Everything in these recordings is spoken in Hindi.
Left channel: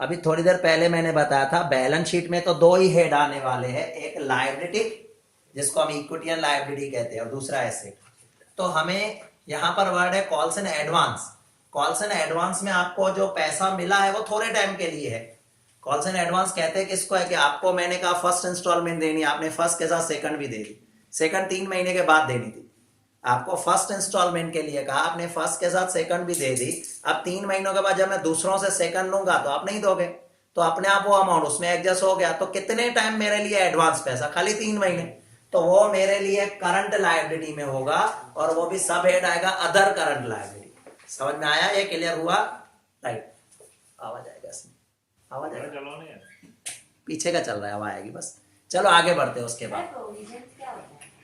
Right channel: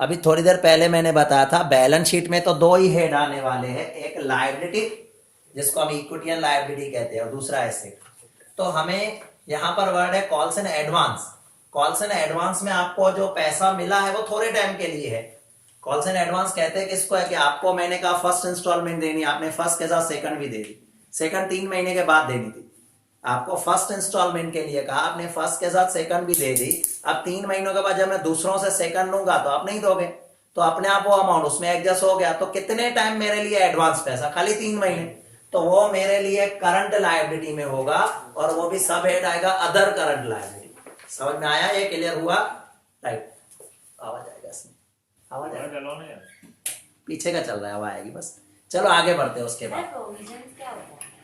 अभी थोड़ी देर पहले मैंने बताया था बैलेंस शीट में तो दो ही हेड आने वाले हैं, एक लायबिलिटी जिसको हम इक्विटी एंड लायबिलिटी कहते हैं और दूसरा एसेट। तो हमें यहाँ पर वर्ड है calls and advance. Calls and advance में आपको जो पैसा मिला है वो थोड़े टाइम के लिए है। कॉल्स एंड एडवांस कहते हैं किसको है कि आपको मैंने कहा फर्स्ट इंस्टॉलमेंट देनी, आपने फर्स्ट के साथ सेकंड भी दे दी, सेकंड 3 महीने के बाद देनी थी। आपको फर्स्ट इंस्टॉलमेंट के लिए कहा, आपने फर्स्ट के साथ सेकंड भी दे दी। अब 3 महीनों के बाद जब मैं दूसरों से सेकंड लूंगा तो आप नहीं दोगे, तो अपने आप वो अमाउंट उसमें एडजस्ट हो गया। तो कितने टाइम मेरे लिए एडवांस पैसा? खाली 3 महीने। तो वो मेरे लिए करंट लायबिलिटी में होगा और वो भी सब हेड आएगा अदर करंट लायबिलिटी। समझ में आया? ये क्लियर हुआ? राइट। आवाज आएगा इसमें, आवाज आएगा, पीछे का चल रहा है, आवाज आएगी बस। चलो आगे बढ़ते हैं। उसके बाद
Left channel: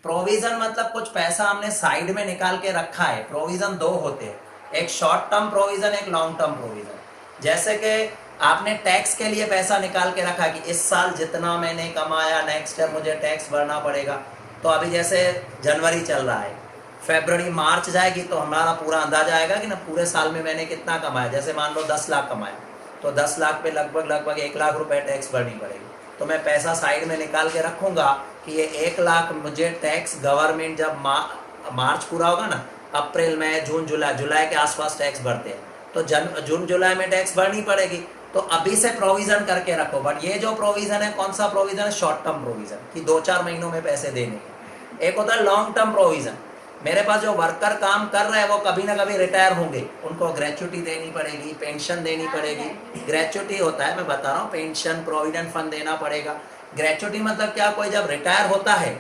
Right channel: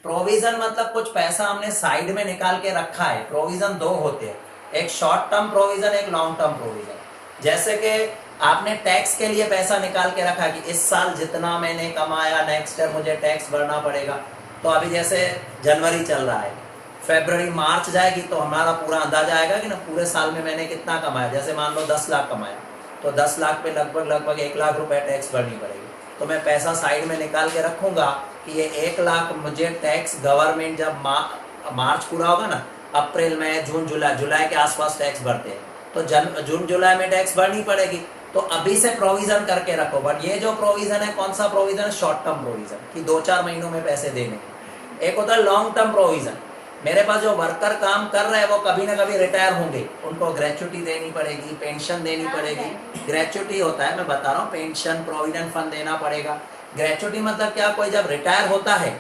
प्रोविजन मतलब कुछ पैसा हमने साइड में निकाल के रखा है। प्रोविजन दो होते हैं, एक शॉर्ट टर्म प्रोविजन, एक लॉन्ग टर्म प्रोविजन। जैसे कि आपने टैक्स के लिए पैसा निकाल के रखा कि इस साल जितना मैंने कमाया नेक्स्ट ईयर मुझे टैक्स भरना पड़ेगा। तो अभी जैसे जनवरी चल रहा है, फरवरी मार्च जाएगी तो हमारा पूरा अंदाजा आएगा कि ना पूरे साल में मैंने कितना कमाया। जैसे मान लो 10 लाख कमाया तो 10 लाख पे लगभग 1 लाख रुपए टैक्स भरनी पड़ेगी। तो मैं पैसा साइड में निकाल के रखूंगा कि ये 1 लाख मुझे टैक्स गवर्नमेंट जब मार्च पूरा होगा ना, अप्रैल मई जून जुलाई के आसपास टैक्स भरते हैं, तो जून जुलाई में टैक्स भरनी पड़ेगी। तो अभी से प्रोविजन करके रखो। बट ये जो प्रोविजन है कौन सा प्रोविजन है? शॉर्ट टर्म प्रोविजन कि 2-4 महीनों में पैसे देने। एक होता है लॉन्ग टर्म प्रोविजन, मेरे पास जो वर्कर काम कर रहे हैं वो कभी ना कभी रिटायर होंगे, उनको ग्रेचुटी देनी पड़ेगी, पेंशन देनी पड़ेगी। ग्रेचुटी होता है, मैं बता रहा हूँ, पेंशन प्रोविडेंट फंड देना पड़ेगा। ग्रेचुटी मतलब क्या? कोई जब रिटायर होता है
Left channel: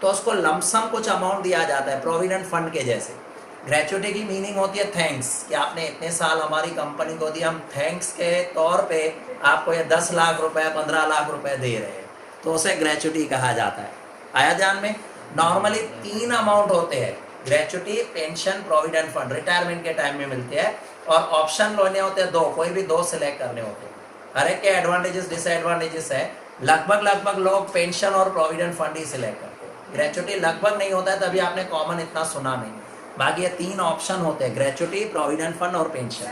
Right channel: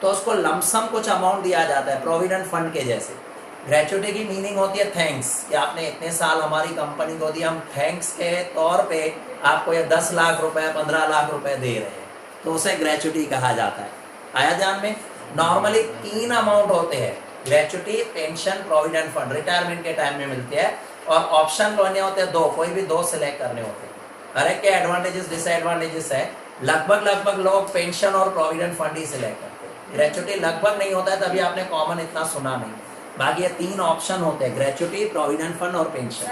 तो उसको लमसम कुछ अमाउंट दिया जाता है प्रोविडेंट फंड के जैसे। ग्रेचुटी की मीनिंग होती है थैंक्स, कि आपने इतने साल हमारी कंपनी को दिया, हम थैंक्स के तौर पे आपको ये 10 लाख रुपए 15 लाख रुपए दे रहे हैं, तो उसे ग्रेचुटी कहा जाता है। आया ध्यान में? नॉर्मली 3 अमाउंट होते हैं, gratuity, pension, provident fund, retirement के टाइम में मिलते हैं। और ऑप्शन करने होते हैं 2, कोई भी 2 सिलेक्ट करने होते हैं। हर एक के एडवांटेजेस डिसएडवांटेजेस है। लगभग लोग पेंशन और प्रोविडेंट फंड ही सिलेक्ट करते हैं, ग्रेचुटी लगभग नहीं होता है, तभी आपने कॉमन इतना सुना नहीं। बाकी ये 3 ऑप्शन होते हैं, ग्रेचुटी, प्रोविडेंट फंड और पेंशन।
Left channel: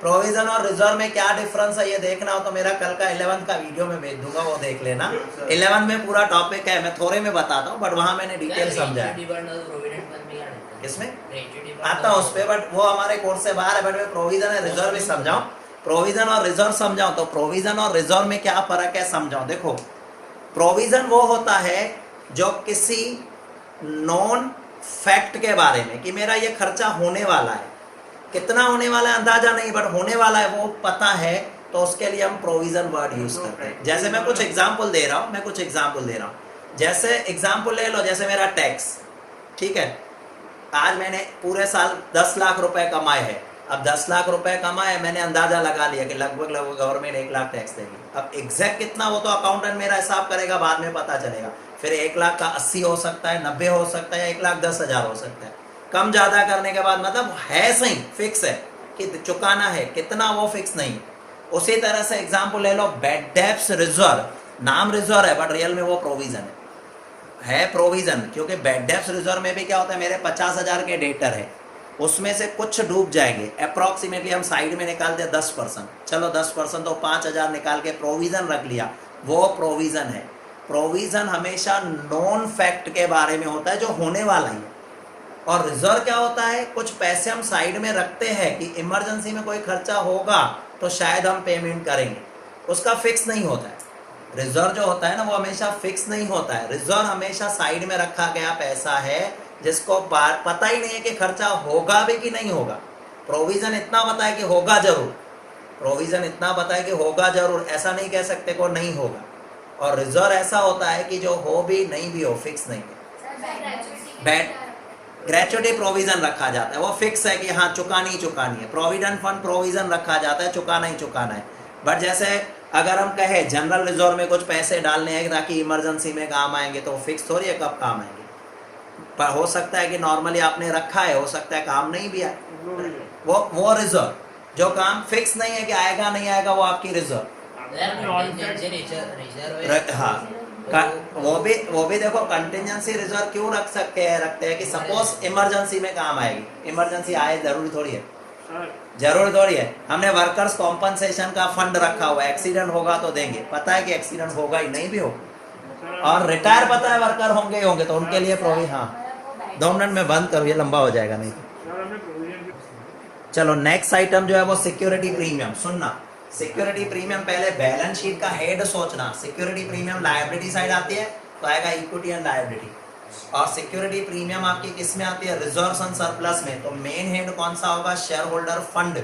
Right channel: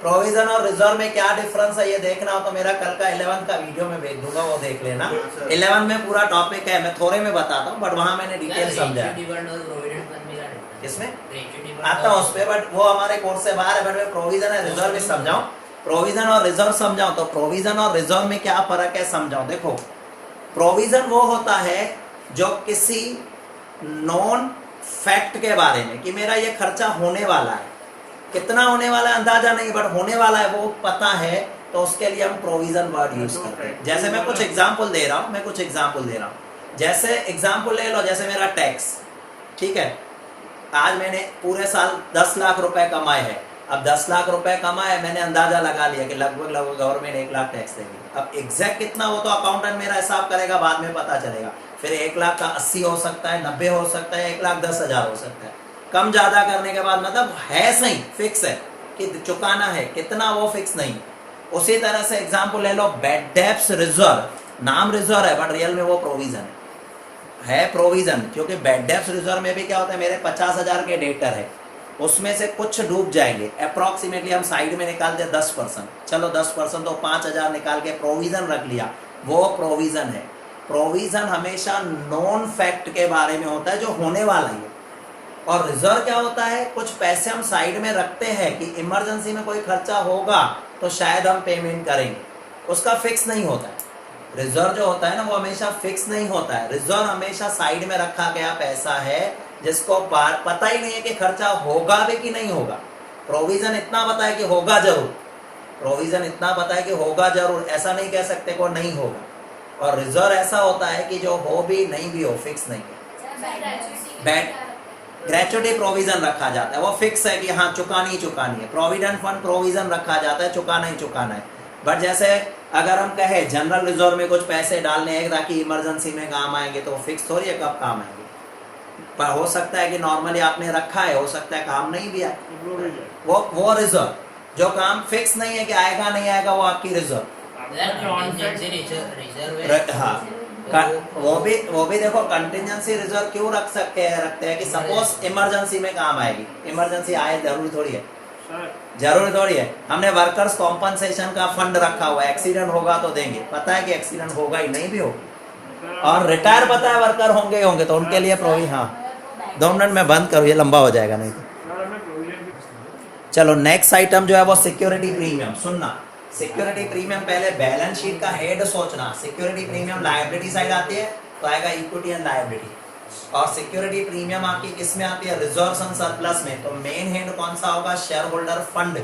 प्रोविजन और रिजर्व में क्या डिफरेंस है ये देखना हो तो मेरा कल का 11th का वीडियो में भेज दूंगा, वो देख लेना। 11 में पूरा टॉपिक है, मैं थोड़े में बताता हूँ बट वहां मैंने डिटेल समझा। किसमें आता हूँ उस पर, बट वो हमारे कोर्स से बाहर है। बट मैं प्रोविजन और रिजर्व भी समझाऊं, प्रोविजन और रिजर्व समझाऊं तो प्रोविजन और रिजर्व में क्या फर्क है समझाऊं। देखो, प्रोविजन वो होता है जो किसी नॉन फैक्ट के बारे में कि मेरा ये खर्चा होने वाला है, कितना होने वाला है अंदाजा नहीं बट होने वाला है वो पता है, तो उसके लिए हम प्रोविजन वर्ड यूज करते हैं। जैसे मैं कुछ एग्जांपल दे रहा हूं, जैसे एग्जांपल ले लो, जैसे मेरा टैक्स, ठीक है, आज मैंने पूरे साल 10 लाख रुपए कमाए हैं। अब 10 लाख रुपए कमाए, मैंने अंदाजा लगा लिया कि लगभग गवर्नमेंट 1 लाख टैक्स देगी। अब एग्जैक्ट कितना वो तो अकाउंटेंट मेरा हिसाब करेगा, बाद में पता चलेगा। फिर 1 लाख का 80 हो सकता है, 90 हो सकता है, 1,10,000 हो सकता है। कम ज्यादा करने के बाद मतलब है सही, फिक्स है कि चुकाना है, कितना वो फिक्स नहीं। उसी तरह से एग्जांपल ले लो, बैड डेब्ट्स रिजर्व, नाम रिजर्व है बट रियल में वो प्रोविजन है। प्रोविजन क्योंकि बैड डेब्ट्स रिजर्व में भी क्या होता है, मेरे 50,000 के डेटर है, उसमें से कुछ डूब जाएंगे, अप्रोक्सीमेटली हम साइड में निकाल दे 10%, चलो 10% तो 5,000 निकाल के प्रोविजन रख लिया, वो प्रोविजन है। प्रोविजन हमेशा नॉन फैक्ट के बारे में होता है, जो होने वाला है। और रिजर्व क्या होता है, कुछ पैसे हम साइड में रखते हैं कि इमरजेंसी में कोई खर्चा होगा तो शायद हम पेमेंट करेंगे, उसका फिक्स नहीं होता है। रिजर्व जो होता है ना वो हमेशा फिक्स नहीं होता है। रिजर्व हमेशा साइड में रखा गया पैसा है जिसको पता ही नहीं है कि खर्चा होगा भी कि नहीं होगा। प्रोविजन इतना पता है कि होगा जरूर, प्रोविजन इतना पता है कि होगा जरूर, ऐसा नहीं कह सकते को नहीं होगा। और रिजर्व ऐसा होता है कि जो हो भी नहीं भी हो, फिक्स नहीं है। ग्रेचुटी प्रोविजन रखा जाता है, वो फिक्स है कि हाँ चुकानी ही चुकानी है। प्रोविडेंट फंड प्रोविजन रखा जाता है, चुकाना ही चुकाना है। बट जैसे अगर हम कहे जनरल रिजर्व में कुछ पैसे डालने हैं ताकि इमरजेंसी में काम आएंगे, तो फिक्स थोड़ी है कब काम आएंगे। पर हो सकता है कि नॉर्मली आपने रखा है, हो सकता है काम नहीं भी आए, वो रिजर्व। जो काम फिक्स नहीं है कि आएगा नहीं आएगा, वो आपकी रिजर्व। हाँ, वो भी देखो, कंटिजेंसी रिजर्व क्यों रखते हैं कि सपोज इमरजेंसी में काम आएगी, इमरजेंसी आए जरूरी थोड़ी है। जरूर थोड़ी है, हमने वर्कर्स कॉम्पनसेशन का फंड रखा हुआ है, एक्सीडेंट होगा तो देंगे, पता है कि एक्सीडेंट होगा ही, नहीं भी होगा, और रिटायर पता है वर्कर होंगे ही होंगे, तो उनके लिए प्रोविजन। हाँ 2 मिनट में बंद करूँ, ये लंबा हो जाएगा नहीं तो। चलो नेक्स्ट आइटम जो है वो सिक्योरिटी प्रीमियम। सुनना, सिक्योरिटी प्रीमियम पहले बैलेंस शीट का हेड सोचना। सिक्योरिटी प्रीमियम लायबिलिटी साइड आती है तो आएगा इक्विटी एंड लायबिलिटी, और सिक्योरिटी प्रीमियम आपकी किस में आती है? रिजर्व्स एंड सरप्लस में। तो मेन हेड कौन सा होगा? शेयर होल्डर फंड,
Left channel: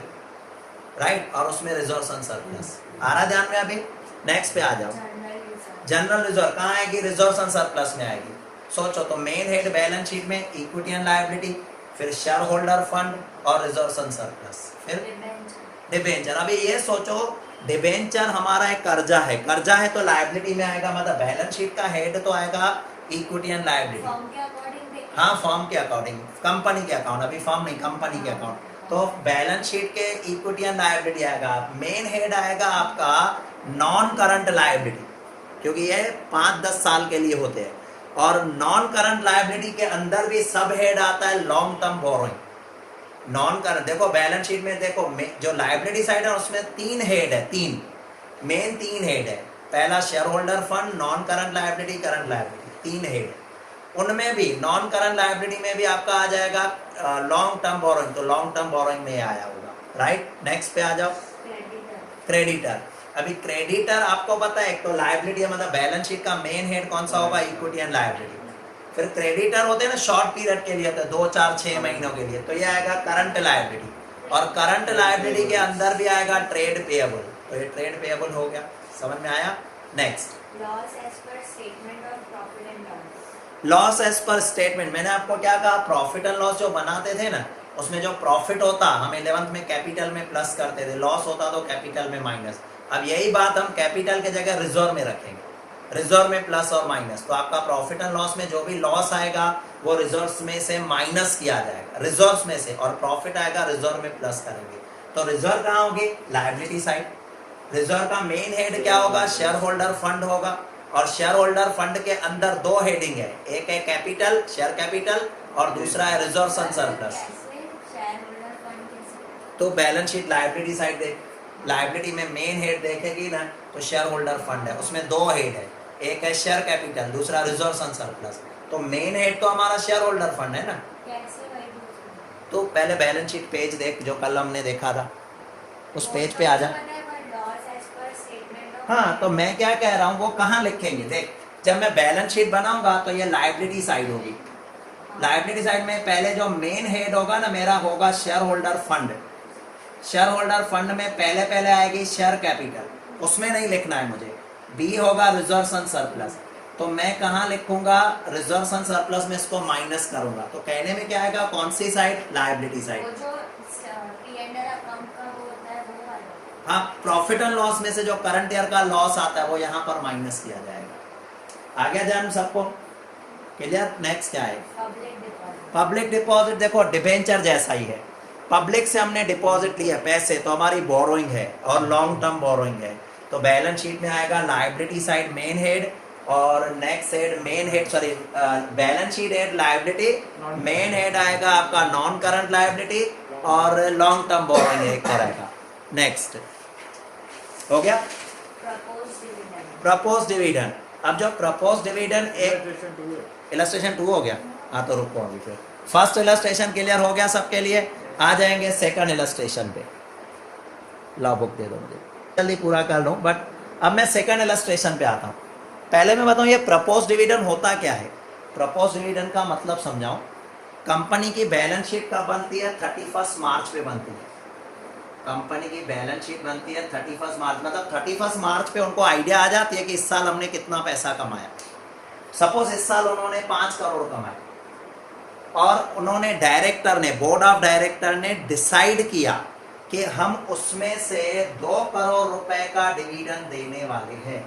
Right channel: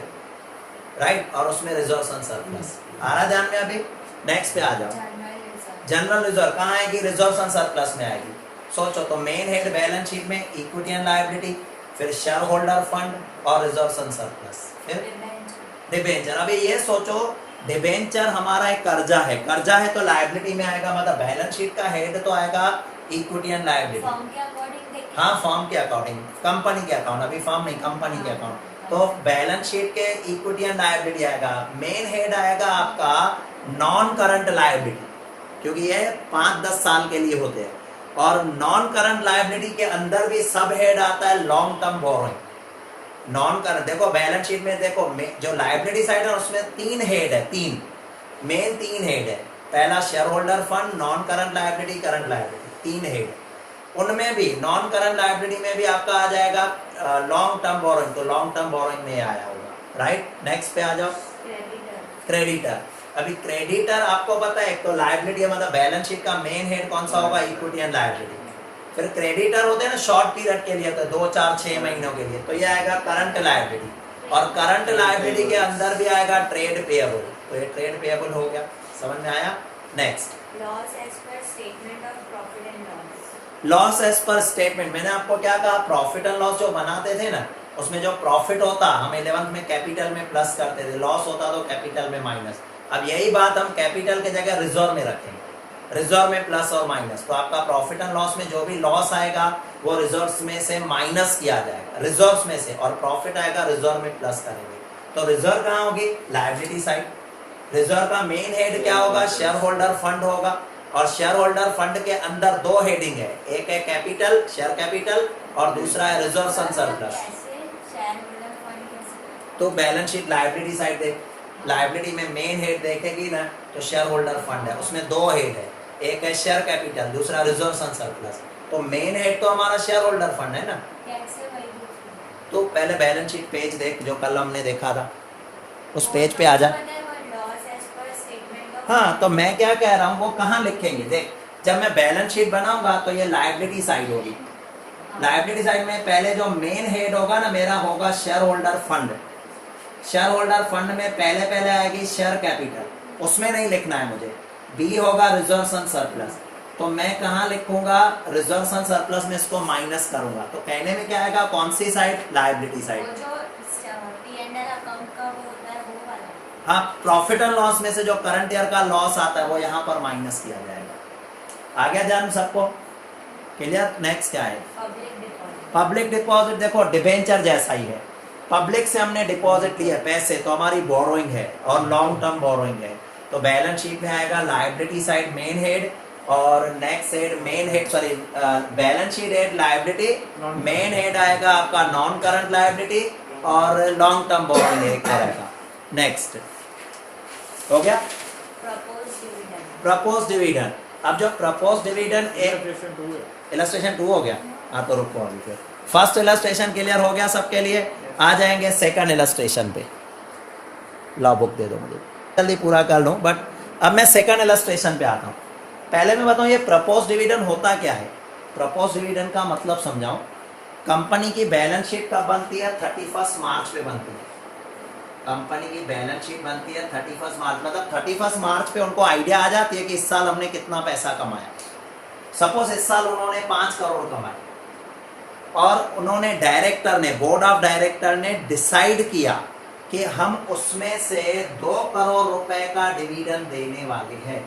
राइट, और उसमें रिजर्व्स एंड सरप्लस। आ रहा ध्यान में? अभी नेक्स्ट पे आ जाओ। जनरल रिजर्व कहाँ आएगी? रिजर्व्स एंड सरप्लस में आएगी। सोचो, तो मेन हेड बैलेंस शीट में इक्विटी एंड लायबिलिटी, फिर शेयर होल्डर फंड और रिजर्व्स एंड सरप्लस, फिर डिबेंचर। अभी ये सोचो, डिबेंचर हमारा एक कर्जा है, कर्जा है तो लायबिलिटी में आएगा, मतलब बैलेंस शीट का हेड तो आएगा इक्विटी एंड लायबिलिटी। हाँ फॉर्म के अकॉर्डिंग, कंपनी के अकाउंट, अभी फॉर्म नहीं, कंपनी के अकाउंट। तो बैलेंस शीट के इक्विटी एंड लायबिलिटी आएगा। मेन हेड आएगा आपका नॉन करंट लायबिलिटी, क्योंकि ये 5-10 साल के लिए होते हैं, और नॉन करंट लायबिलिटी के अंदर भी सब हेड आता है long term borrowing. Non current देखो बैलेंस शीट में, देखो जो लायबिलिटी साइड है उसमें 3 हेड है, 3 मेन 3 हेड है। पहला share holder fund, non current liability, current liability, 3 head है। उनमें भी नॉन करंट लायबिलिटी में भी आपका आ जाएगा लॉन्ग टर्म बोरोइंग, तो लॉन्ग टर्म बोरोइंग में आया होगा, राइट। नेक्स्ट पे आ जाओ, क्रेडिटर। अभी क्रेडिटर आपको पता है, एक तो लायबिलिटी मतलब बैलेंस शीट का मेन हेड कौन सा होगा? Equity and liability. फिर क्रेडिटर होते हैं ना शॉर्ट पीरियड के लिए, होता है 2, 4, 6 महीनों के लिए, तो ये आएगा करंट लायबिलिटी। और करंट लायबिलिटी के अंदर भी आएगा ट्रेड पेएबल, तो ये ट्रेड पेएबल हो गया। समझ में आया? Next, loss as per statement of profit and loss. Loss as per statement, मैंने आपको क्या कहा? प्रॉफिट एंड लॉस जो बनाते थे ना, उसमें जो प्रॉफिट होता हम 11th में कैपिटल में प्लस करते थे, लॉस होता तो कैपिटल में माइनस। अब यही बात हम कैपिटल के जगह रिजर्व में रखेंगे, रिजर्व में प्लस और माइनस। तो आपका प्रॉफिट एंड लॉस में जो भी लॉस आएगा वो रिजर्व्स में से माइनस किया जाएगा, रिजर्व्स में से, और प्रॉफिट आएगा रिजर्व में प्लस करेंगे। तो रिजर्व कहाँ होगी? Liability side. रिजर्व का मेन हेड क्या होगा? शेयर होल्डर फंड होगा, और शेयर होल्डर फंड के अंदर 2 हेडिंग है, एक है कैपिटल, शेयर कैपिटल, और दूसरा है रिजर्व्स एंड सरप्लस। तो बैलेंस शीट लायबिलिटी साइड दे, लायबिलिटी में मेन हेड देखेगी ना तो शेयर होल्डर फंड है, उसमें 2 हेड है, एक है शेयर कैपिटल, दूसरा रिजर्व्स एंड सरप्लस। तो मेन हेड तो हमारा शेयर होल्डर फंड है ना। तो पहले बैलेंस शीट पेज देख जो कल हमने देखा था, उस पेज पे आ जा। हाँ तो मैं क्या कह रहा हूँ, वो कहाँ लिखेंगे? देख, जब मैं बैलेंस शीट बनाऊंगा तो ये लायबिलिटी साइड होगी। लायबिलिटी साइड में पहले जो मेन हेड होगा ना मेरा, होगा share holder fund. Share holder fund में पहले आएगी शेयर कैपिटल, उसमें नहीं लिखना है मुझे। बी होगा रिजर्व्स एंड सरप्लस, तो मैं कहाँ लिखूंगा? रिजर्व्स एंड सरप्लस में इसको माइनस करूंगा, तो कहने में क्या आएगा? कौन सी साइड? Liability side. हाँ, प्रॉफिट एंड लॉस में से जो करंट ईयर का लॉस आता है वो यहाँ पर माइनस किया जाएगा। आ गया ध्यान सबको? क्लियर? नेक्स्ट क्या है? Public deposit. देखो डिबेंचर जैसा ही है, पब्लिक से हमने डिपॉजिट लिया पैसे, तो हमारी बोरोइंग है और लॉन्ग टर्म बोरोइंग है। तो बैलेंस शीट में आएगा लायबिलिटी साइड मेन हेड, और next head main head, sorry balance sheet head liability, main head आएगा आपका नॉन करंट लायबिलिटी, और लॉन्ग टर्म बोरोइंग एक आएगा। नेक्स्ट हो गया प्रपोज डिविडेंड। अब जो प्रपोज डिविडेंड एक इलस्ट्रेशन 2 हो गया। हाँ तो रुको, फर्स्ट इलस्ट्रेशन क्लियर हो गया सबके लिए। आ जाएंगे सेकंड इलस्ट्रेशन पे। ला बुक दे दो मुझे, जल्दी पूरा कर लूं, बट अब मैं सेकंड इलस्ट्रेशन पे आता हूं। पहले मैं बताऊं ये प्रपोज डिविडेंड होता क्या है। प्रपोज डिविडेंड का मतलब समझाऊं। कंपनी की बैलेंस शीट कब बनती है? 31 मार्च पे बनती है। कंपनी की बैलेंस शीट बनती है 31 मार्च, मतलब 31 मार्च पे उनको आइडिया आ जाती है कि इस साल हमने कितना पैसा कमाया। सपोज इस साल उन्होंने 5 करोड़ कमाए, और उन्होंने डायरेक्टर ने, बोर्ड ऑफ डायरेक्टर ने डिसाइड किया कि हम उसमें से 2 करोड़ रुपए का डिविडेंड देने वाले हैं।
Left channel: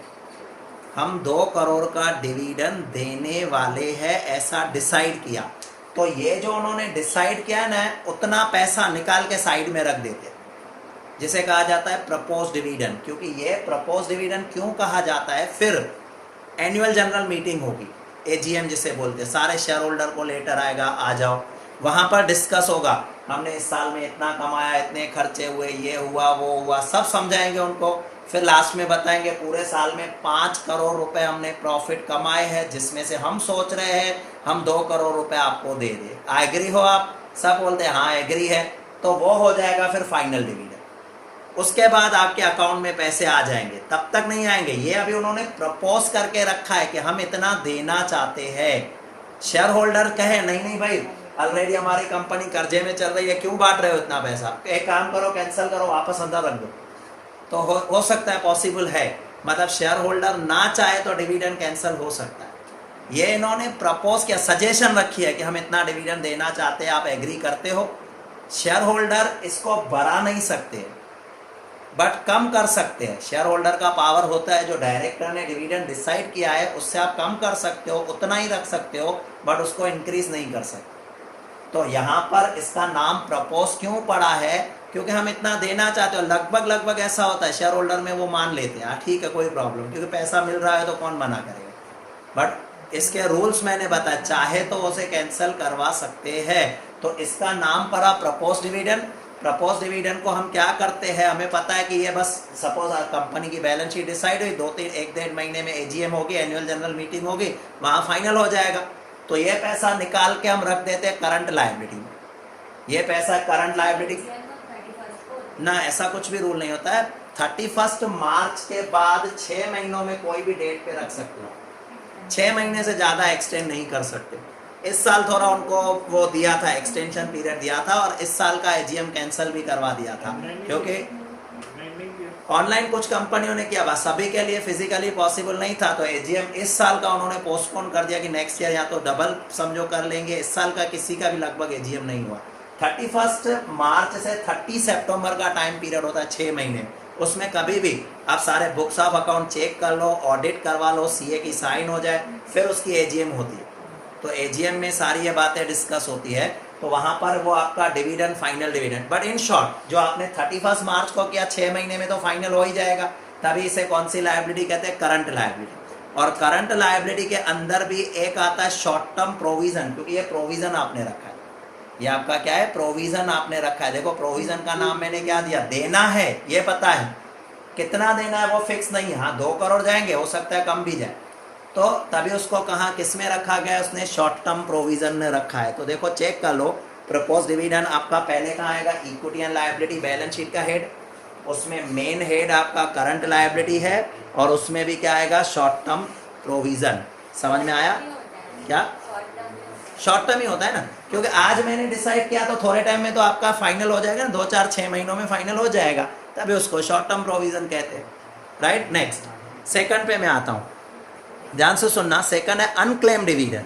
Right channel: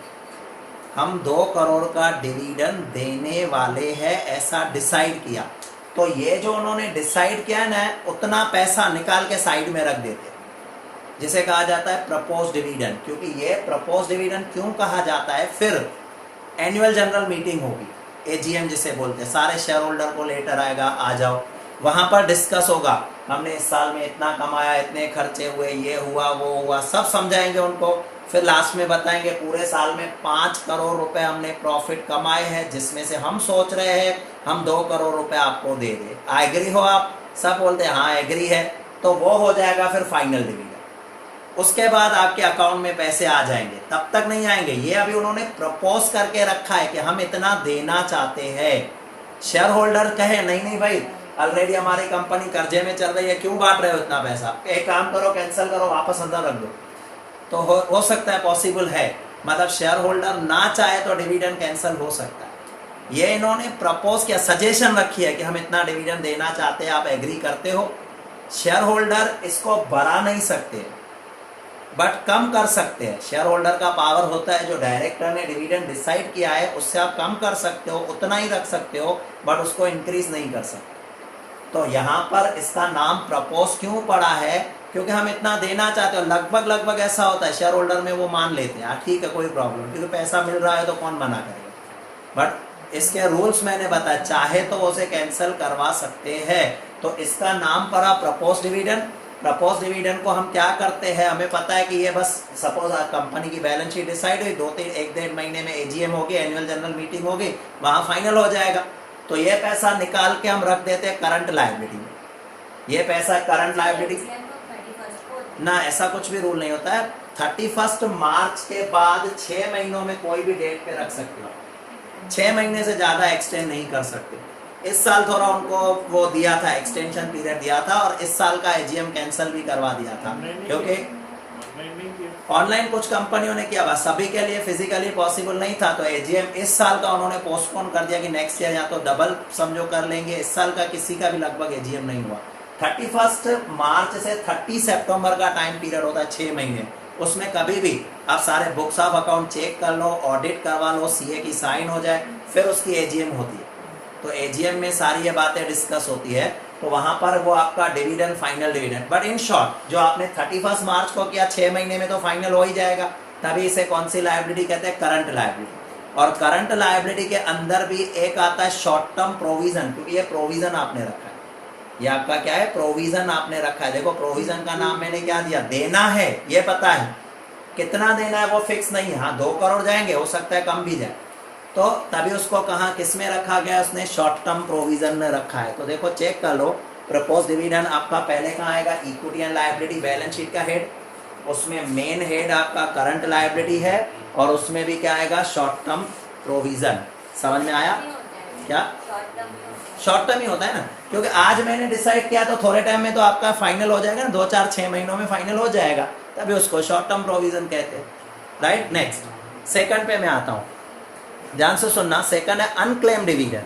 हम 2 करोड़ का डिविडेंड देने वाले हैं, ऐसा डिसाइड किया। तो ये जो उन्होंने डिसाइड किया ना, उतना पैसा निकाल के साइड में रख देते, जिसे कहा जाता है प्रपोज डिविडेंड। क्योंकि ये प्रपोज डिविडेंड क्यों कहा जाता है? फिर एनुअल जनरल मीटिंग होगी, एजीएम जिसे बोलते हैं, सारे शेयर होल्डर को लेटर आएगा, आ जाओ, वहां पर डिस्कस होगा हमने इस साल में इतना कमाया, इतने खर्चे हुए, ये हुआ वो हुआ, सब समझाएंगे उनको। फिर लास्ट में बताएंगे पूरे साल में 5 करोड़ रुपए हमने प्रॉफिट कमाए हैं, जिसमें से हम सोच रहे हैं हम 2 करोड़ रुपए आपको दे दें। एग्री हो आप? सब बोलते हैं हाँ एग्री है। तो वो हो जाएगा फिर फाइनल डिविडेंड। उसके बाद आपके अकाउंट में पैसे आ जाएंगे। तब तक नहीं आएंगे, ये अभी उन्होंने प्रपोज करके रखा है कि हम इतना देना चाहते हैं। शेयर होल्डर कहे नहीं नहीं भाई, ऑलरेडी हमारी कंपनी कर्जे में चल रही है, क्यों बांट रहे हो इतना पैसा, एक काम करो कैंसिल करो, वापस अंदर रख दो। तो हो सकता है, पॉसिबल है। मतलब शेयर होल्डर ना चाहे तो डिविडेंड कैंसिल हो सकता है। ये इन्होंने प्रपोज किया, सजेशन रखी है कि हम इतना डिविडेंड देना चाहते हैं, आप एग्री करते हो? शेयर होल्डर इसको बढ़ा नहीं सकते बट कम कर सकते हैं। शेयर होल्डर का पावर होता है, जो डायरेक्टर ने डिविडेंड डिसाइड किया है उससे आप कम कर सकते हो, उतना ही रख सकते हो, बट उसको इंक्रीज नहीं कर सकते। तो यहाँ पर इसका नाम प्रपोज क्यों पड़ा है? क्योंकि हम इतना देना चाहते हो। लगभग ऐसा होता है, शेयर होल्डर में वो मान लेते हैं ठीक है कोई प्रॉब्लम, क्योंकि पैसा मिल रहा है तो कौन मना करेगा। बट इसके रूल्स मैंने बताया, चाहे तो उसे कैंसिल करवा सकते हैं। तो इसका नाम पड़ा प्रपोज डिविडेंड। प्रपोज डिविडेंड को हम क्या करते हैं, हमें पता है कि ये बस सपोज कंपनी की बैलेंस शीट डिसाइड हुई, 1-1.5 महीने में एजीएम होगी, एनुअल जनरल मीटिंग होगी, वहां फाइनल हो जाएगा। तो ये पैसा निकाल के हम रख देते हैं करंट लायबिलिटी में। ये पैसा करंट लायबिलिटी ना, ऐसा कुछ भी रूल नहीं होता है। 31 मार्च के बाद 6 महीनों में कोई भी डेट पे रख सकते हो। 6 महीने से ज्यादा एक्सटेंड नहीं कर सकते। इस साल थोड़ा उनको वो दिया था, एक्सटेंशन पीरियड दिया था, और इस साल का एजीएम कैंसिल भी करवा दिया था, क्योंकि ऑनलाइन कुछ कंपनियों ने किया, बस सभी के लिए फिजिकली पॉसिबल नहीं था। तो एजीएम इस साल का उन्होंने पोस्टपोन कर दिया कि नेक्स्ट ईयर या तो डबल समझो कर लेंगे। इस साल का किसी का भी लगभग एजीएम नहीं हुआ। 31 मार्च से 30 सितंबर का टाइम पीरियड होता है, 6 महीने। उसमें कभी भी आप सारे बुक्स ऑफ अकाउंट चेक कर लो, ऑडिट करवा लो, सीए की साइन हो जाए, फिर उसकी एजीएम होती है। तो एजीएम में सारी ये बातें डिस्कस होती है। तो वहां पर वो आपका dividend, final dividend. But in short, जो आपने 31 मार्च को किया, 6 महीने में तो फाइनल हो ही जाएगा। तभी इसे कौन सी लायबिलिटी कहते हैं? Current liability. और करंट लायबिलिटी के अंदर भी एक आता है शॉर्ट टर्म प्रोविजन, क्योंकि ये प्रोविजन आपने रखा है। ये आपका क्या है? प्रोविजन आपने रखा है। देखो प्रोविजन का नाम मैंने क्या दिया, देना है, ये पता है। कितना देना है वो फिक्स नहीं है। हाँ 2 करोड़ जाएंगे, हो सकता है कम भी जाए। तो तभी उसको कहा किस में रखा गया? उसने शॉर्ट टर्म प्रोविजन में रखा है। तो देखो चेक कर लो, प्रपोज डिविडेंड आपका पहले कहाँ आएगा? Equity and liability balance sheet का हेड। उसमें मेन हेड आपका करंट लायबिलिटी है, और उसमें भी क्या आएगा? Short term provision. समझ में आया? क्या शॉर्ट टर्म ही होता है ना, क्योंकि आज मैंने डिसाइड किया तो थोड़े टाइम में तो आपका फाइनल हो जाएगा ना, 2-4-6 महीनों में फाइनल हो जाएगा, तभी उसको शॉर्ट टर्म प्रोविजन कहते हैं। राइट, नेक्स्ट सेकंड पे मैं आता हूं, ध्यान से सुनना। सेकंड है अनक्लेम डिविडेंड।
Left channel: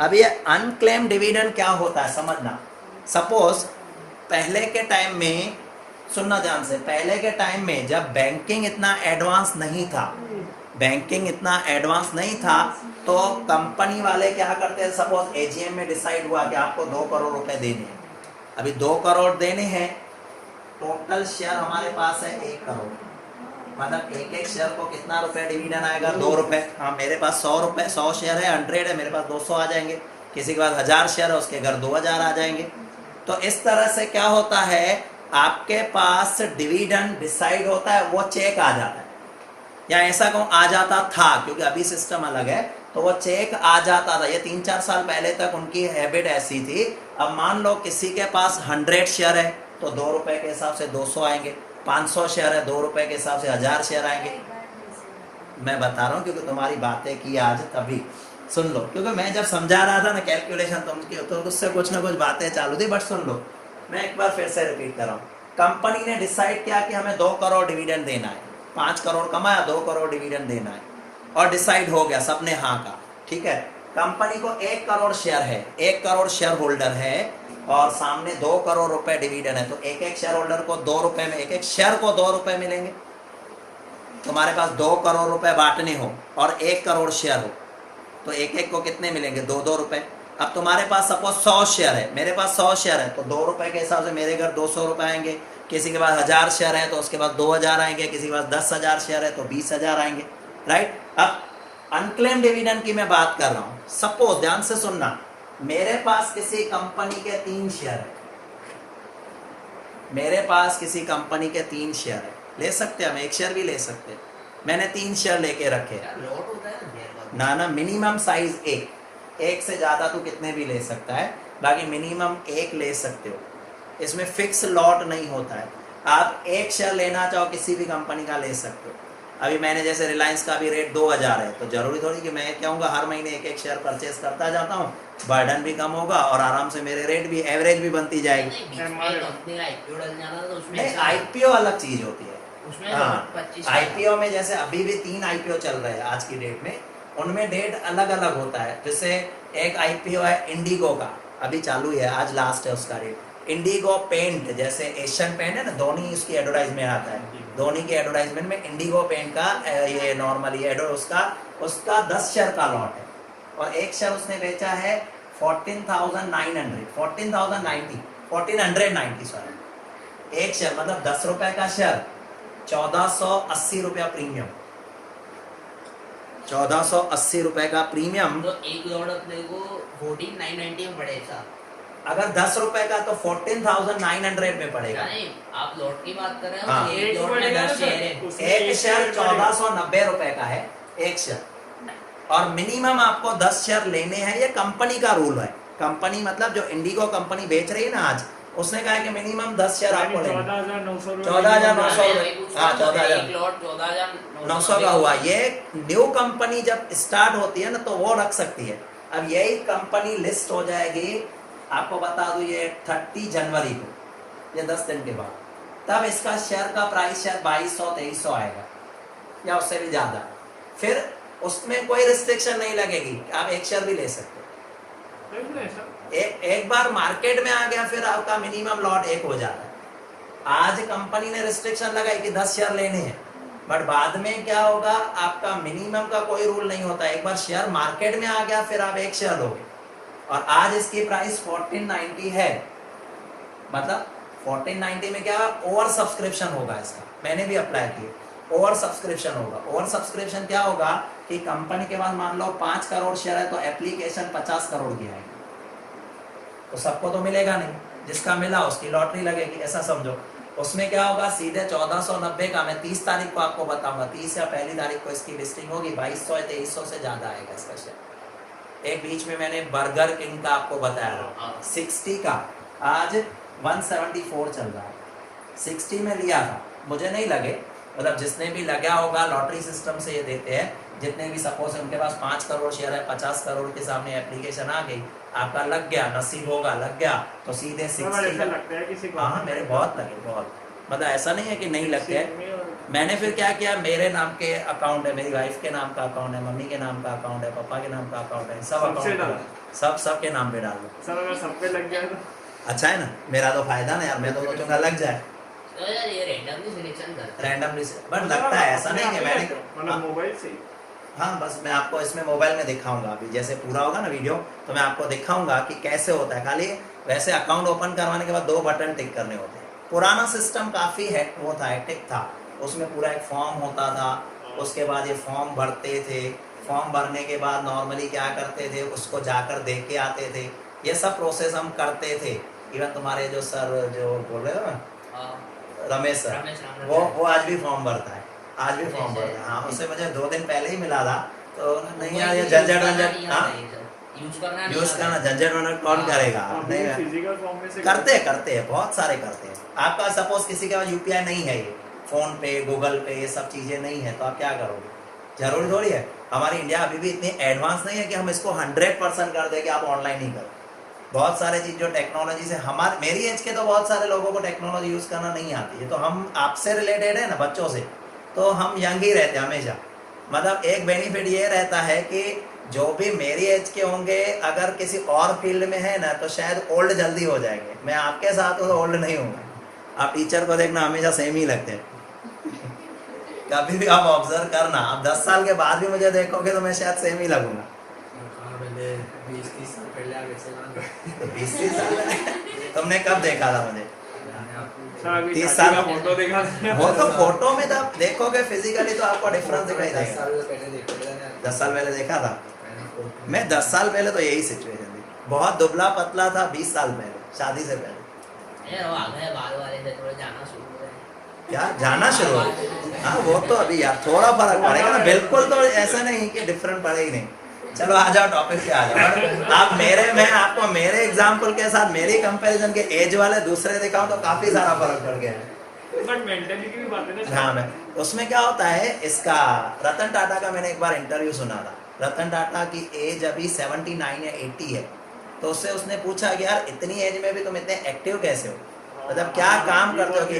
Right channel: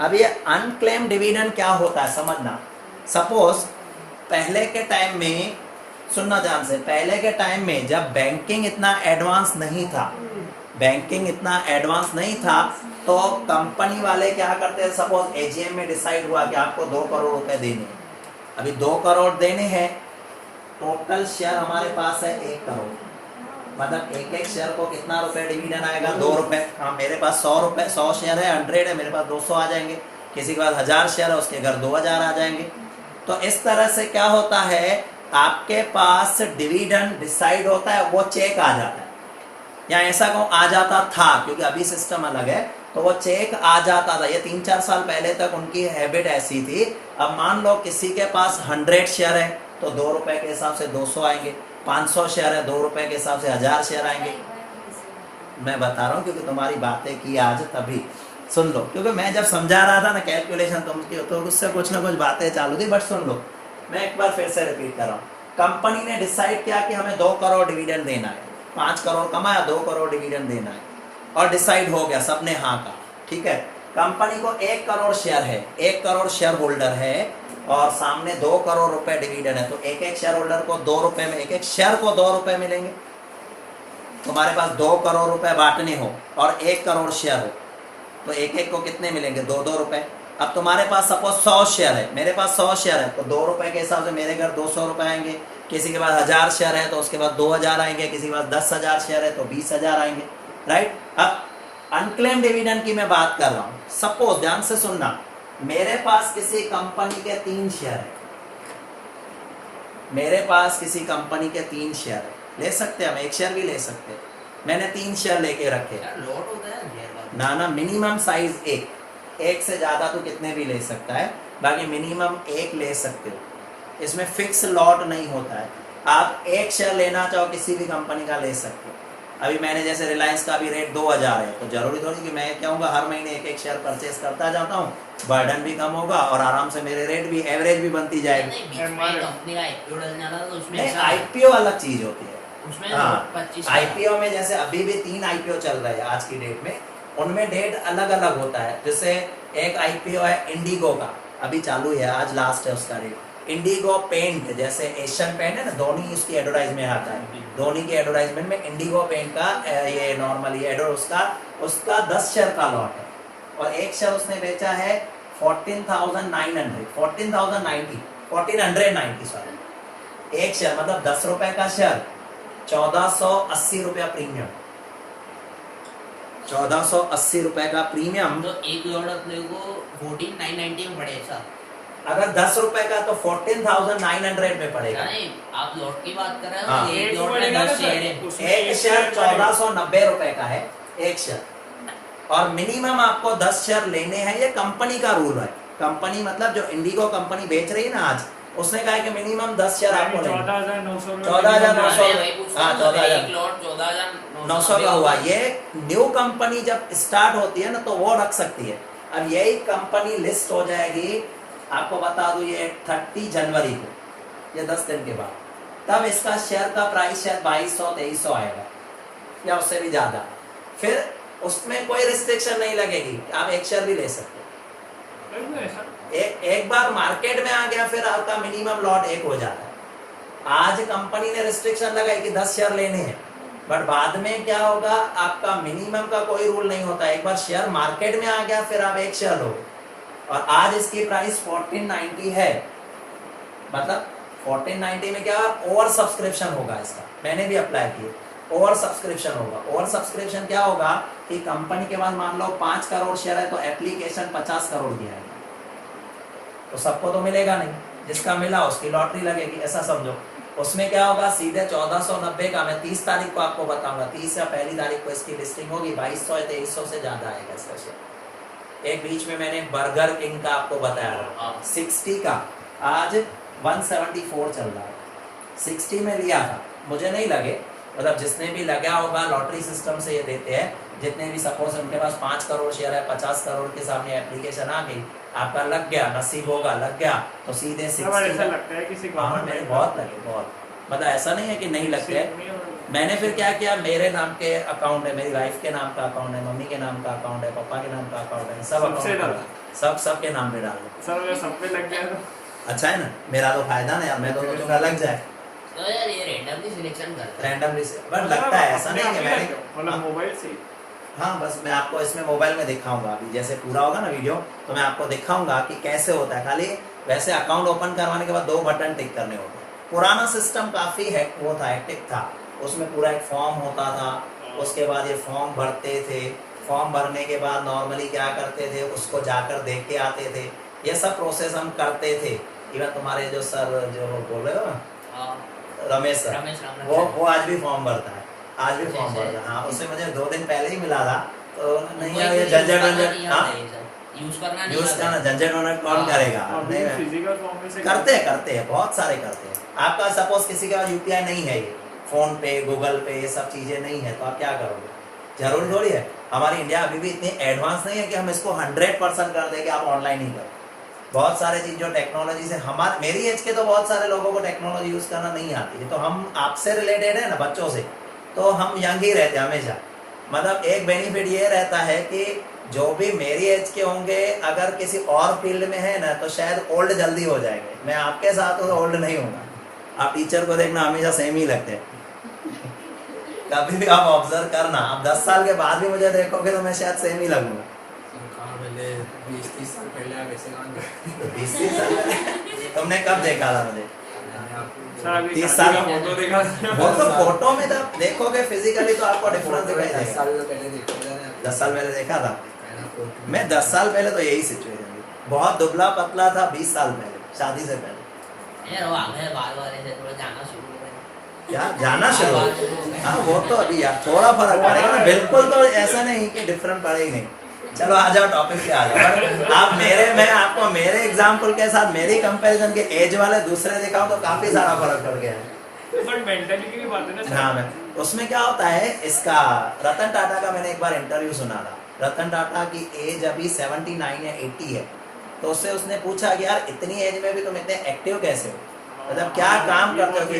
अब ये अनक्लेम डिविडेंड क्या होता है समझना। सपोज पहले के टाइम में, सुनना ध्यान से, पहले के टाइम में जब बैंकिंग इतना एडवांस नहीं था, तो कंपनी वाले क्या करते हैं? सपोज एजीएम में डिसाइड हुआ कि आपको 2 करोड़ रुपए देने हैं। अभी 2 करोड़ देने हैं, टोटल शेयर हमारे पास है 1 करोड़। मतलब एक शेयर को कितना रुपए डिविडेंड आएगा? 2 रुपए। मेरे पास 100 शेयर है, 100 है, मेरे पास 200 आ जाएंगे। किसी के पास 1000 शेयर है, उसके घर 2000 आ जाएंगे। तो इस तरह से क्या होता है, आपके पास डिविडेंड डिसाइड होता है, वो चेक आ जाता है, या ऐसा कहूं आ जाता था, क्योंकि अभी सिस्टम अलग है। तो वो चेक आ जाता था। ये 3-4 साल पहले तक उनकी हैबिट ऐसी थी। अब मान लो किसी के पास 100 शेयर है, तो 2 रुपए के हिसाब से 200 आएंगे। 500 शेयर है, 2 रुपए के हिसाब से 1000 शेयर आएंगे। मैं बता रहा हूँ क्योंकि तुम्हारी बातें की आज, तभी सुन लो। क्योंकि मैं जब समझा रहा था ना कैलकुलेशन तुमकी, तो उससे कुछ ना कुछ बातें चालू थी, बट सुन लो, मैं एक बार फिर से रिपीट कर रहा हूँ। कंपनी ने डिसाइड किया कि हमें 2 करोड़ डिविडेंड देना है। 5 करोड़ कमाया, 2 करोड़ डिविडेंड देना है, और डिसाइड हो गया, सबने हाँ कहा, ठीक है। कंपनी को 1 करोड़ शेयर है, 1 करोड़ शेयर होल्डर है, और सामने 2 करोड़ रुपए डिविडेंड है। तो एक शेयर होल्डर को 2 रुपए में, एक शेयर को 2 रुपए मिलेंगे। तुम्हारे पास 2 करोड़ रुपए बांटने हो और 1 करोड़ शेयर हो, तो एक को कितने मिलेंगे? 2-2 रुपए। अब तुम्हारे पास सपोज 100 शेयर है, मेरे पास 100 शेयर है, तो 2 रुपए के हिसाब से मेरे घर 200 रुपए आएंगे। किसी के पास 1000 शेयर है, तो उसके बाद 2000 आएंगे। किसी के पास 10,000 शेयर है, तो 20,000 आएंगे। राइट। अब अनक्लेम डिविडेंड की मैं बात कर रहा हूं। सपोज, ध्यान से सुनना, मेरे पास किसी कंपनी के 3 शेयर है, मेरे पास किसी कंपनी के 3 शेयर है, ले सकते हैं हम, 1 शेयर भी ले सकते हैं। मैंने 3 शेयर लेके रखे। लॉट होता है ना मिनिमम साइज एक से ज्यादा तो कितने भी ले सकता है, बाकी मिनिमम 1 ले सकते हो। इसमें फिक्स लॉट नहीं होता है। आप 1 शेयर लेना चाहो किसी भी कंपनी का ले सकते हो। अभी मैंने जैसे रिलायंस का भी रेट 2000 है, तो जरूरी थोड़ी कि मैं कहूँगा हर महीने 1 शेयर परचेज करता जाता हूँ, बर्डन भी कम होगा और आराम से मेरे रेट भी एवरेज भी बनती जाएगी। कंपनी का आईपीओ डालने वाला तो उसमें आईपीओ अलग चीज होती है। उसमें हाँ, 25 आईपीओ में जैसे अभी भी 3 आईपीओ चल रहे हैं आज की डेट में, उनमें डेट अलग अलग होता है। जैसे एक आईपीओ है इंडिगो का, अभी चालू है, आज लास्ट है उसका रेट। इंडिगो पेंट, जैसे एशियन पेंट है ना, धोनी उसकी एडवर्टाइजमेंट आता है, धोनी की एडवर्टाइजमेंट में इंडिगो पेंट का ये नॉर्मली उसका 10 शेयर का लॉट है, और 1 शेयर उसने बेचा है 1490 सॉरी, 1 शेयर मतलब 10 रुपए का शेयर, 1480 रुपया प्रीमियम, 1480 रुपए का प्रीमियम। तो एक लॉट अपने को 14990 में पड़ेगा। अगर 10 रुपए का तो 14,900 में पड़ेगा। नहीं, आप लॉट की बात कर रहे हो। हाँ, एक लॉट में 10 शेयर है, एक शेयर 1490 रुपए का है 1 शेयर, और मिनिमम आपको 10 शेयर लेने हैं। ये कंपनी का रूल है। कंपनी मतलब जो इंडिगो कंपनी बेच रही है ना आज, उसने कहा है कि मिनिमम 10 शेयर आपको 14,900 हाँ 14,900 का हुआ। ये न्यू कंपनी जब स्टार्ट होती है ना तो वो रख सकती है। अब यही कंपनी लिस्ट हो जाएगी, आपको बता दूं, ये 30 जनवरी को, ये 10 दिन के बाद, तब इसका शेयर का प्राइस शायद 2200-2300 आएगा या उससे भी ज्यादा। फिर उसमें कोई रिस्ट्रिक्शन नहीं लगेगी, आप 1 शेयर भी ले सकते हो। एक बार मार्केट में आ गया फिर आपका मिनिमम लॉट 1 हो जाता है। आज कंपनी ने रिस्ट्रिक्शन लगाई कि 10 शेयर लेने हैं, बट बाद में क्या होगा, आपका मिनिमम का कोई रूल नहीं होता। एक बार शेयर मार्केट में आ गया फिर आप 1 शेयर लोगे, और आज इसकी प्राइस 1490 है, मतलब 1490 में क्या ओवर सब्सक्रिप्शन होगा इसका। मैंने भी अप्लाई किया, ओवर सब्सक्रिप्शन होगा। ओवर सब्सक्रिप्शन क्या होगा कि कंपनी के पास मान लो 5 करोड़ शेयर है तो एप्लीकेशन 50 करोड़ की आएगी, तो सबको तो मिलेगा नहीं, जिसका मिला उसकी लॉटरी लगेगी, ऐसा समझो। उसमें क्या होगा, सीधे 1490 का मैं 30 तारीख को आपको बताऊंगा, 30 या पहली तारीख को इसकी लिस्टिंग होगी, 2200-2300 से ज्यादा आएगा इसका शेयर। एक बीच में मैंने बर्गर किंग का आपको बताया 60 का, आज 174 चल रहा है। 60 में लिया था, मुझे नहीं लगे, मतलब जिसने भी लगा होगा लॉटरी सिस्टम से ये देते हैं, जितने भी सपोज उनके पास 5 करोड़ शेयर है, 50 करोड़ के सामने एप्लीकेशन आ गई, आपका लग गया, नसीब होगा लग गया तो सीधे 60। ऐसा लगता है किसी को। हाँ मेरे बहुत लगे, बहुत, मतलब ऐसा नहीं है कि नहीं लगते हैं। मैंने फिर क्या किया, मेरे नाम के अकाउंट है, मेरी वाइफ के नाम का अकाउंट है, मम्मी के नाम का अकाउंट है, पापा के नाम का अकाउंट है, सब अकाउंट सब के नाम पे डाल दो। सब पे लग जाए तो अच्छा है ना, मेरा तो फायदा ना यार, मैं तो सोचूंगा लग जाए। तो यार ये रैंडमली सिलेक्शन करते हैं, रैंडमली से, बट लगता है ऐसा नहीं कि मैंने, मतलब मोबाइल से। हाँ बस मैं आपको इसमें मोबाइल में दिखाऊंगा, अभी जैसे पूरा होगा ना वीडियो तो मैं आपको दिखाऊंगा कि कैसे होता है। खाली वैसे अकाउंट ओपन करवाने के बाद 2 बटन टिक करने होते हैं। पुराना सिस्टम काफी वो था, हेक्टिक था, उसमें पूरा एक फॉर्म होता था, उसके बाद ये फॉर्म भरते थे, फॉर्म भरने के बाद नॉर्मली क्या करते थे, उसको जाकर देख के आते थे, ये सब प्रोसेस हम करते थे। इवन तुम्हारे जो सर जो बोल रहे हो ना, रमेश सर, वो आज भी फॉर्म भरता है, आज भी फॉर्म भरता है। हाँ, उससे मुझे 2 दिन पहले ही मिला था, तो नहीं यार ये झंझट यूज करना झंझट वंझट कौन करेगा। नहीं फिजिकल फॉर्म में से करते हैं, बहुत सारे करते हैं। आपका सपोज किसी के पास यूपीआई नहीं है, फोन पे, गूगल पे, ये सब चीजें नहीं है, तो आप क्या करोगे? जरूरी थोड़ी है। हमारी इंडिया अभी भी इतनी एडवांस नहीं है कि हम इसको 100% कर दें कि आप ऑनलाइन ही करो। बहुत सारे चीज जो टेक्नोलॉजी से, हमारे मेरी एज के तो बहुत सारे लोगों को टेक्नोलॉजी यूज करना नहीं आती है, तो हम आपसे रिलेटेड है ना, बच्चों से, तो हम यंग ही रहते हैं हमेशा। मतलब एक बेनिफिट ये रहता है कि जो भी मेरी एज के होंगे अगर किसी और फील्ड में है ना तो शायद ओल्ड जल्दी हो जाएंगे। मैं आपके साथ तो ओल्ड नहीं होगा। आप टीचर को देखना हमेशा सेम ही लगते हैं कभी भी आप ऑब्जर्व करना, आप 10 साल के बाद भी मुझे देखोगे तो मैं शायद सेम ही लगूंगा। 20-30 साल पहले वैसे तो 20-30 साल पहले तुमने कब देखा था मुझे? 30 साल का फोटो देखा। वो तो फोटो में तब देखोगे, फिजिकली तो आपको डिफरेंस दिखाई देगा। 10 साल पहले देखा था। 10 साल पहले देखा था मैं। 10 साल पहले तो यही सिचुएशन थी, बहुत दुबला पतला था 20 साल पहले, शादी से पहले। यार वो आ गए बाल वाले से थोड़ा जाना शुरू हो गए क्या जाना शुरू हो? बाल शुरू हो गए। हाँ वो तो अभी यार थोड़ा फर्क पड़ेगा ना, बिल्कुल तो ऐसा नहीं कि डिफरेंट पड़े ही नहीं। चलो आ जाओ टॉपिक पे आ जाओ। आप मैं आपको मेरे एग्जाम्पल के साथ मेरी कंपैरिजन के एज वाले दूसरे दिखाऊं तो काफी सारा फर्क पड़ गया है। बट मेंटालिटी की बात है ना। हाँ मैं उसमें क्या होता है, इसका रतन टाटा का मैंने एक बार इंटरव्यू सुना था। रतन टाटा की एज अभी 79 या 80 है, तो उससे उसने पूछा कि यार इतनी एज में भी तुम इतने एक्टिव कैसे हो, मतलब क्या काम करते हो कि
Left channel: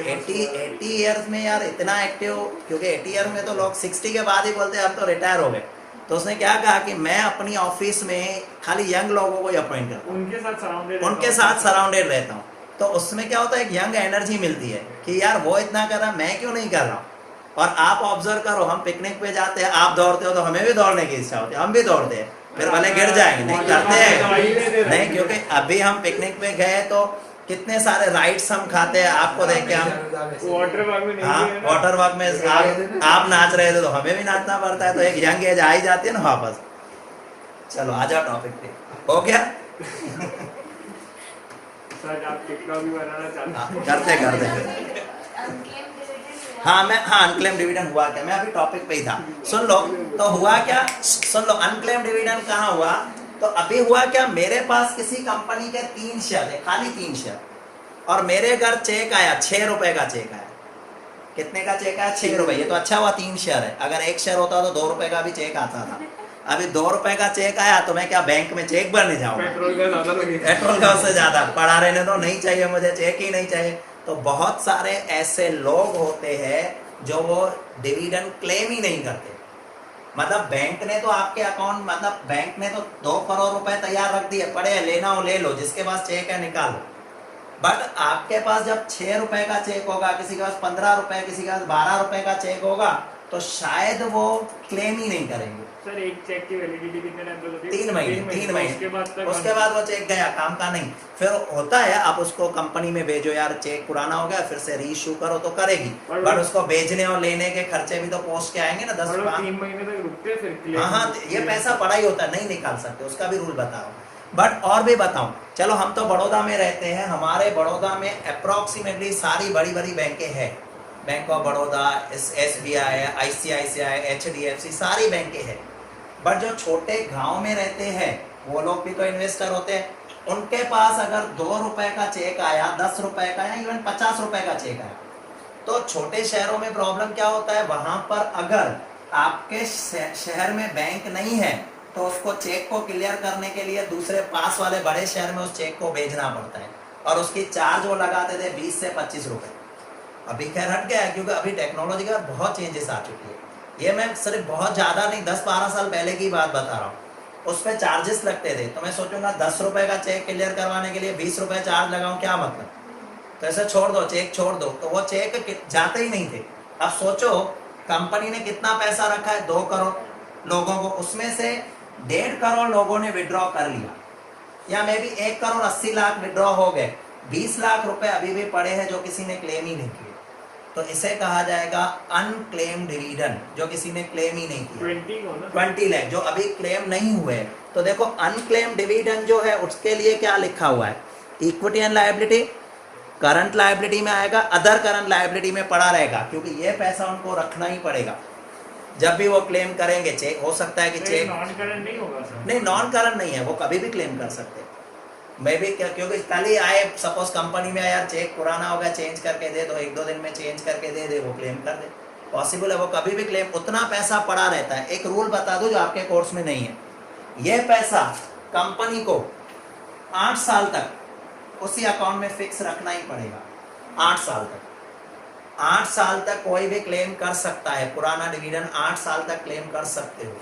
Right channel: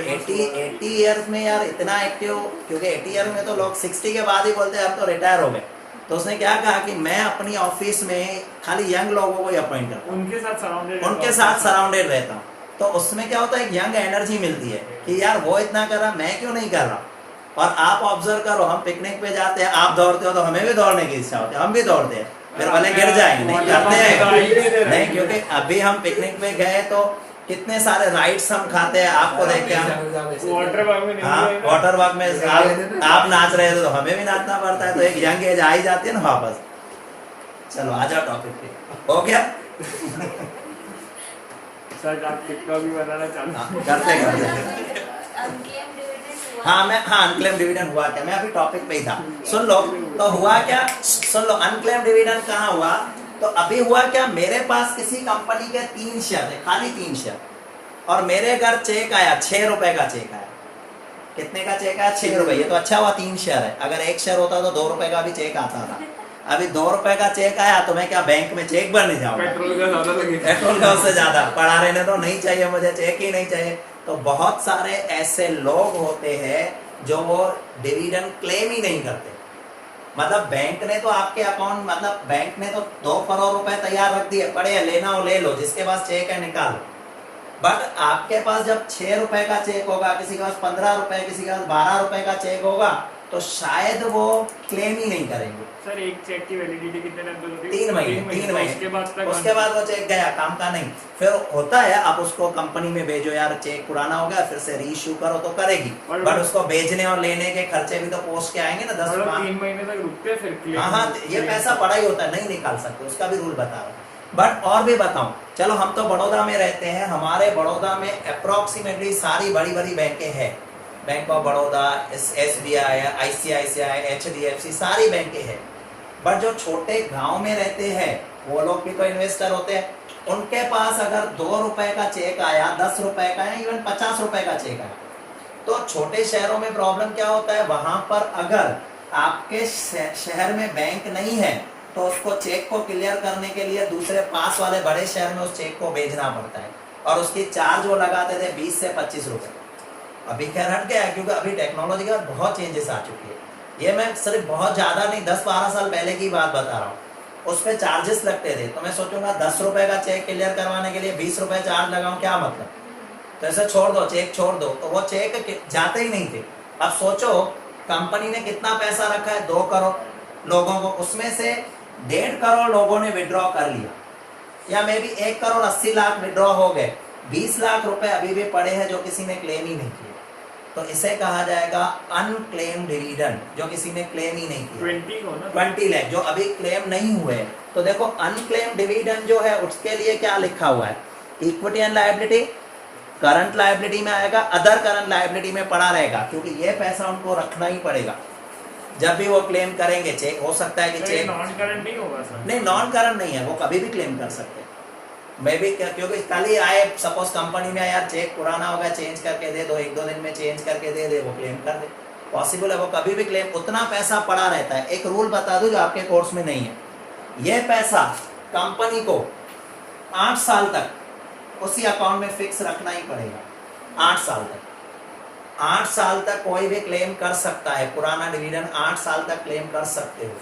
80 इयर्स में यार इतना एक्टिव। क्योंकि 80 ईयर में तो लोग 60 के बाद ही बोलते हैं अब तो रिटायर हो गए। तो उसने क्या कहा कि मैं अपनी ऑफिस में खाली यंग लोगों को ही अपॉइंट करता हूँ, उनके साथ सराउंडेड रहता हूँ। तो उसमें क्या होता है, एक यंग एनर्जी मिलती है कि यार वो इतना कर रहा, मैं क्यों नहीं कर रहा हूँ। और आप ऑब्जर्व करो, हम पिकनिक पे जाते हैं, आप दौड़ते हो तो हमें भी दौड़ने की इच्छा होती है, हम भी दौड़ते हैं, फिर भले गिर जाएंगे नहीं करते हैं नहीं, क्योंकि अभी हम पिकनिक पे गए तो कितने सारे राइड्स हम खाते हैं, आपको देख के हम वाटर पार्क में नहीं गए ना। वाटर पार्क में आप नाच रहे थे तो हमें भी नाचना पड़ता है, तो एक यंग एज आ ही जाती है ना वापस। चलो आ जाओ टॉपिक पे, हो गया सर आप टिक्का भी बनाना चालू करते हाँ अनक्लेम डिविडेंड हुआ क्या, मैं अभी टॉपिक पे ही था। सुन लो तो हुआ क्या, सुन लो अनक्लेम डिविडेंड कहाँ हुआ। तो अभी हुआ क्या, मेरे पास किसी कंपनी के 3 शेयर थे, खाली 3 शेयर, और मेरे घर चेक आया 6 रुपए का चेक आया। कितने का चेक आया, 6 रुपए। ये तो अच्छा हुआ 3 शेयर है, अगर 1 शेयर होता तो 2 रुपए का भी चेक आता था। अभी 2 रुपए का चेक आया तो मैं क्या बैंक में चेक भरने जाऊँ, पेट्रोल का ज्यादा लगेगा, पेट्रोल का उससे ज्यादा पड़ा रहने दो, नहीं चाहिए मुझे चेक ही नहीं चाहिए। तो बहुत सारे ऐसे लोग होते हैं जो वो डिविडेंड क्लेम ही नहीं करते। मतलब बैंक ने तो आपके अकाउंट, मतलब बैंक ने तो 2 करोड़ रुपए तैयार रख दिए, पड़े हैं, लेना हो ले लो, जिसके पास चेक है निकालो। बट आपके पास जब 6 रुपए का चेक होगा, किसी के पास 15 रुपए, किसी के पास 12 रुपए का चेक होगा, तो शायद वो क्लेम ही नहीं करेंगे। सर एक चेक की वैलिडिटी कितने टाइम तक होती है? 3 महीने। उसके बाद वो चेक गया, काम का नहीं। फिर होता है आप उसको कंपनी में भेजो, यार चेक पुराना हो गया, फिर से रीइश्यू करो तो करेगी, बट उसको भेजने और लेने के खर्चे भी तो पोस्ट के आएंगे ना 10 3 महीने तक रुकते हैं फिर क्लेम। हाँ ये पैसा बड़ा ही होता है, नहीं निकाल सकते, उसका भी रूल बताओ। बट और भी बताऊं, चलो हम तो बड़ौदा में रहते हैं, हमारे बड़ौदा में अप्रोक्सीमेटली सारी बड़ी बड़ी बैंकें हैं, bank of Baroda, SBI, ICICI, HDFC, सारी बैंकें हैं। बट जो छोटे गांव में रहते हैं वो लोग भी तो इन्वेस्टर होते हैं, उनके पास अगर 2 रुपए का चेक आया, 10 रुपए का या इवन 50 रुपए का चेक आया, तो छोटे शहरों में प्रॉब्लम क्या होता है, वहां पर अगर आपके शहर में बैंक नहीं है तो उसको चेक को क्लियर करने के लिए दूसरे पास वाले बड़े शहर में उस चेक को भेजना पड़ता है, और उसकी चार्ज वो लगाते थे 20 से 25 रुपए। अभी खैर हट गया है, क्योंकि अभी टेक्नोलॉजी का बहुत चेंजेस आ चुके हैं। ये मैं सिर्फ बहुत ज्यादा नहीं, 10-12 साल पहले की बात बता रहा हूँ, उस पर चार्जेस लगते थे। तो मैं सोचूंगा 10 रुपए का चेक क्लियर करवाने के लिए 20 रुपए चार्ज लगाऊं, क्या मतलब। तो ऐसे छोड़ दो, चेक छोड़ दो, तो वो चेक जाते ही नहीं थे। अब सोचो कंपनी ने कितना पैसा रखा है, 2 करोड़ लोगों को, उसमें से 1.5 करोड़ लोगों ने विड्रॉ कर लिया, या मे भी 1 करोड़ 80 लाख विड्रॉ हो गए, 20 लाख रुपए अभी भी पड़े हैं जो किसी ने क्लेम ही नहीं किया। तो इसे कहा जाएगा अनक्लेम डिविडेंड, जो किसी ने क्लेम ही नहीं किया। 20 लाख जो अभी क्लेम नहीं हुए। तो देखो अनक्लेम डिविडेंड जो है उसके लिए क्या लिखा हुआ है, equity and liability, current liability में आएगा, अदर करंट लायबिलिटी में पड़ा रहेगा, क्योंकि ये पैसा उनको रखना ही पड़ेगा जब भी वो क्लेम करेंगे। चेक हो सकता है कि चेक नॉन करंट नहीं होगा सर, नहीं नॉन करंट नहीं है, वो कभी भी क्लेम कर सकते हैं। मैं भी क्योंकि कल ही आए, सपोज कंपनी में यार चेक पुराना हो गया, चेंज करके दे दो, 1-2 दिन में चेंज करके दे दे, वो क्लेम कर दे, पॉसिबल है, वो कभी भी क्लेम, उतना पैसा पड़ा रहता है। एक रूल बता दूं जो आपके कोर्स में नहीं है, ये पैसा कंपनी को 8 साल तक उसी अकाउंट में फिक्स रखना ही पड़ेगा। 8 साल तक 8 साल तक कोई भी क्लेम कर सकता है, पुराना डिविडेंड 8 साल तक क्लेम कर सकते हो।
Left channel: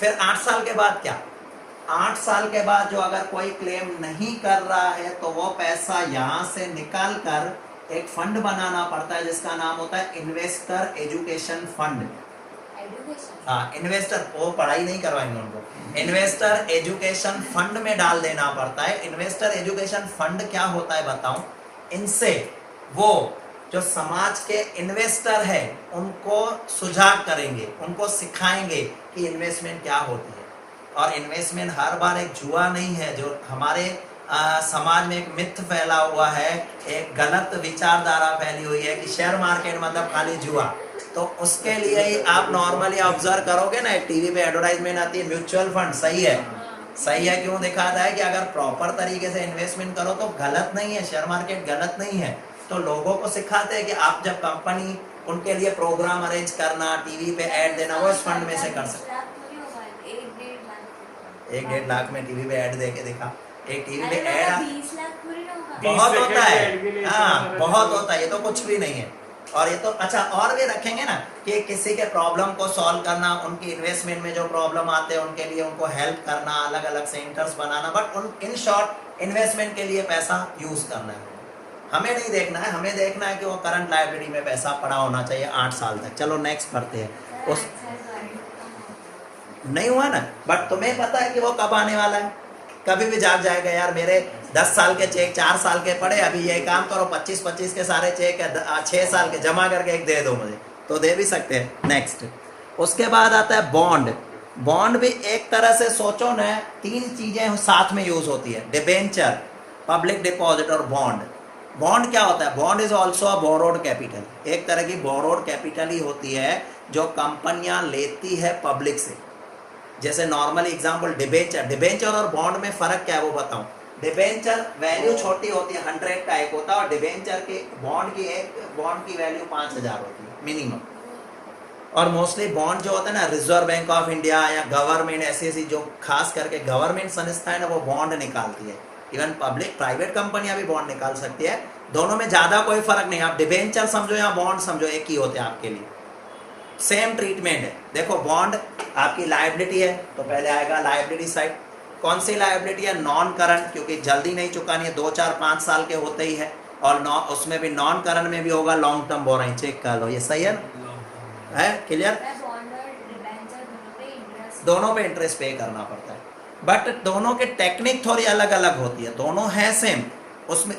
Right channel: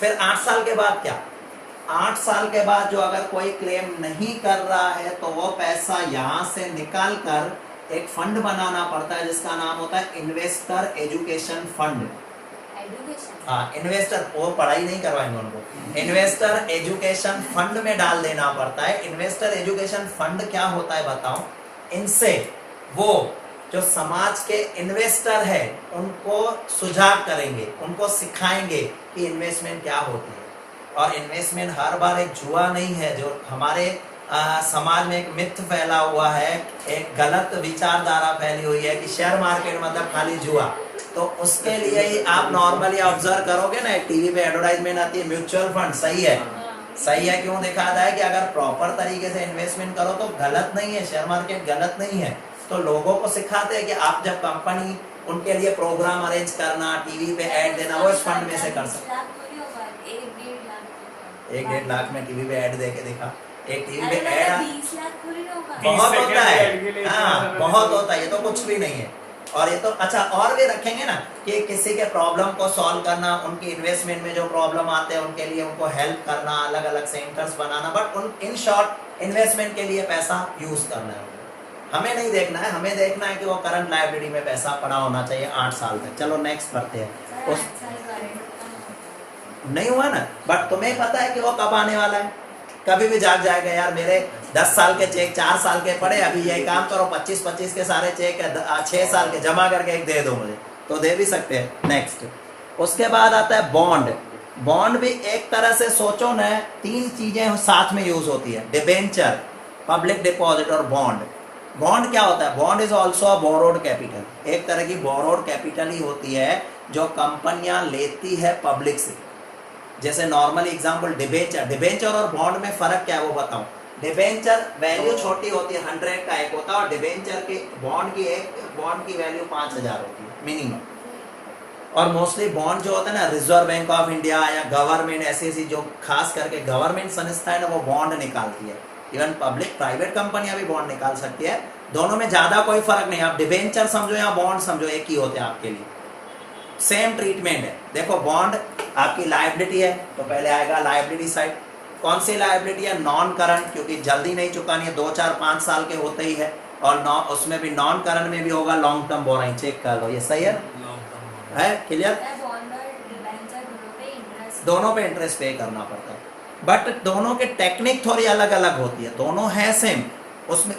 फिर 8 साल के बाद क्या, 8 साल के बाद जो अगर कोई क्लेम नहीं कर रहा है तो वो पैसा यहाँ से निकाल कर एक फंड बनाना पड़ता है जिसका नाम होता है इन्वेस्टर एजुकेशन फंड। हाँ इन्वेस्टर, वो पढ़ाई नहीं करवाएंगे उनको, इन्वेस्टर एजुकेशन फंड में डाल देना पड़ता है। इन्वेस्टर एजुकेशन फंड क्या होता है बताऊं, इनसे वो जो समाज के इन्वेस्टर है उनको सुझाव करेंगे, उनको सिखाएंगे कि इन्वेस्टमेंट क्या होती है। और इन्वेस्टमेंट हर बार एक जुआ नहीं है, जो हमारे समाज में एक मिथ फैला हुआ है, एक गलत विचारधारा फैली हुई है कि शेयर मार्केट मतलब खाली जुआ। तो उसके लिए ही आप नॉर्मली ऑब्जर्व करोगे ना, टीवी पे एडवर्टाइजमेंट आती है म्यूचुअल फंड, सही है, सही है, क्यों दिखाता है कि अगर प्रॉपर तरीके से इन्वेस्टमेंट करो तो गलत नहीं है, शेयर मार्केट गलत नहीं है। तो लोगों को सिखाते हैं कि आप जब कंपनी उनके लिए प्रोग्राम अरेंज करना, टीवी पे ऐड देना, वो इस फंड में से कर सकते। 1-1.5 लाख में टीवी पे ऐड देके दिखा, एक टीवी पे ऐड बहुत होता है, हाँ बहुत होता है, ये तो कुछ भी नहीं है। और ये तो अच्छा, और भी रखेंगे ना कि किसी के प्रॉब्लम को सॉल्व करना, उनकी इन्वेस्टमेंट में जो प्रॉब्लम आते हैं उनके लिए उनको हेल्प करना, अलग अलग centres banana, but in short investment के लिए पैसा यूज करना है। हमें नहीं देखना है, हमें देखना है कि वो करंट लायबिलिटी में पैसा पड़ा होना चाहिए 8 साल तक। चलो नेक्स्ट पढ़ते हैं। उस नहीं हुआ ना, बट तुम्हें पता है कि वो कब आने वाला है, कभी भी जाग जाएगा यार, मेरे 10 साल के चेक 4 साल के पड़े, अभी ये काम करो 25-25 के सारे चेक 6 साल के जमा करके एक दे दो मुझे, तो दे भी सकते हैं। नेक्स्ट, उसके बाद आता है बॉन्ड। बॉन्ड भी एक तरह से सोचो ना, 3 चीजें साथ में यूज होती है, डिबेंचर, पब्लिक डिपॉजिट और बॉन्ड। बॉन्ड क्या होता है? Bond is also a borrowed capital, एक तरह की बोरोड कैपिटल ही होती है जो कंपनियां लेती है पब्लिक से। जैसे नॉर्मल एग्जांपल डिबेंचर, डिबेंचर और बॉन्ड में फर्क क्या है वो बताऊं। डिबेंचर वैल्यू छोटी होती है, 100 का एक होता है, और डिबेंचर के बॉन्ड की वैल्यू 5000 होती है मिनिमम। और मोस्टली बॉन्ड जो होता है ना, रिजर्व बैंक ऑफ इंडिया या गवर्नमेंट, ऐसी जो खास करके गवर्नमेंट संस्था है ना, वो बॉन्ड निकालती है। इवन पब्लिक प्राइवेट कंपनियां भी बॉन्ड निकाल सकती है, दोनों में ज्यादा कोई फर्क नहीं। आप डिबेंचर समझो या बॉन्ड समझो, एक ही होते हैं आपके लिए, सेम ट्रीटमेंट है। देखो बॉन्ड आपकी लायबिलिटी है, तो पहले आएगा लायबिलिटी साइड। कौन सी लायबिलिटी है? नॉन करंट, क्योंकि जल्दी नहीं चुकानी है, 2, 4, 5 साल के होते ही है। और उसमें भी नॉन करंट में भी होगा लॉन्ग टर्म बोरोइंग, चेक कर लो, ये सही है ना, है क्लियर? दोनों पे इंटरेस्ट पे करना पड़ता है, बट दोनों की टेक्निक थोड़ी अलग अलग होती है, दोनों है सेम। उसमें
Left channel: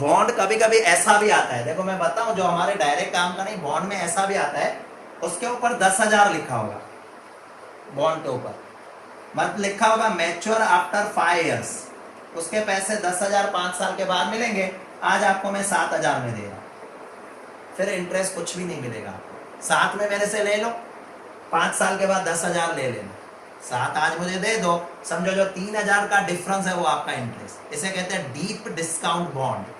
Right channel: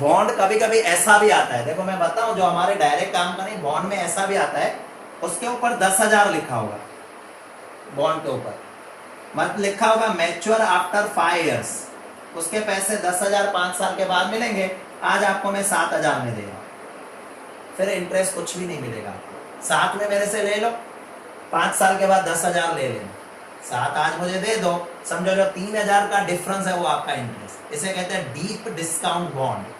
बॉन्ड कभी कभी ऐसा भी आता है, देखो मैं बताऊं, जो हमारे डायरेक्ट काम का नहीं, बॉन्ड में ऐसा भी आता है, उसके ऊपर 10,000 लिखा होगा, बॉन्ड के ऊपर मत लिखा होगा मैच्योर आफ्टर 5 इयर्स, उसके पैसे 10,000 5 साल के बाद मिलेंगे। आज आपको मैं 7,000 में दे रहा हूं, फिर इंटरेस्ट कुछ भी नहीं मिलेगा। 7 में मेरे से ले लो, 5 साल के बाद 10,000 ले लेना, 7 आज मुझे दे दो, समझो जो 3,000 का डिफरेंस है वो आपका इंटरेस्ट। इसे कहते हैं deep discount bond.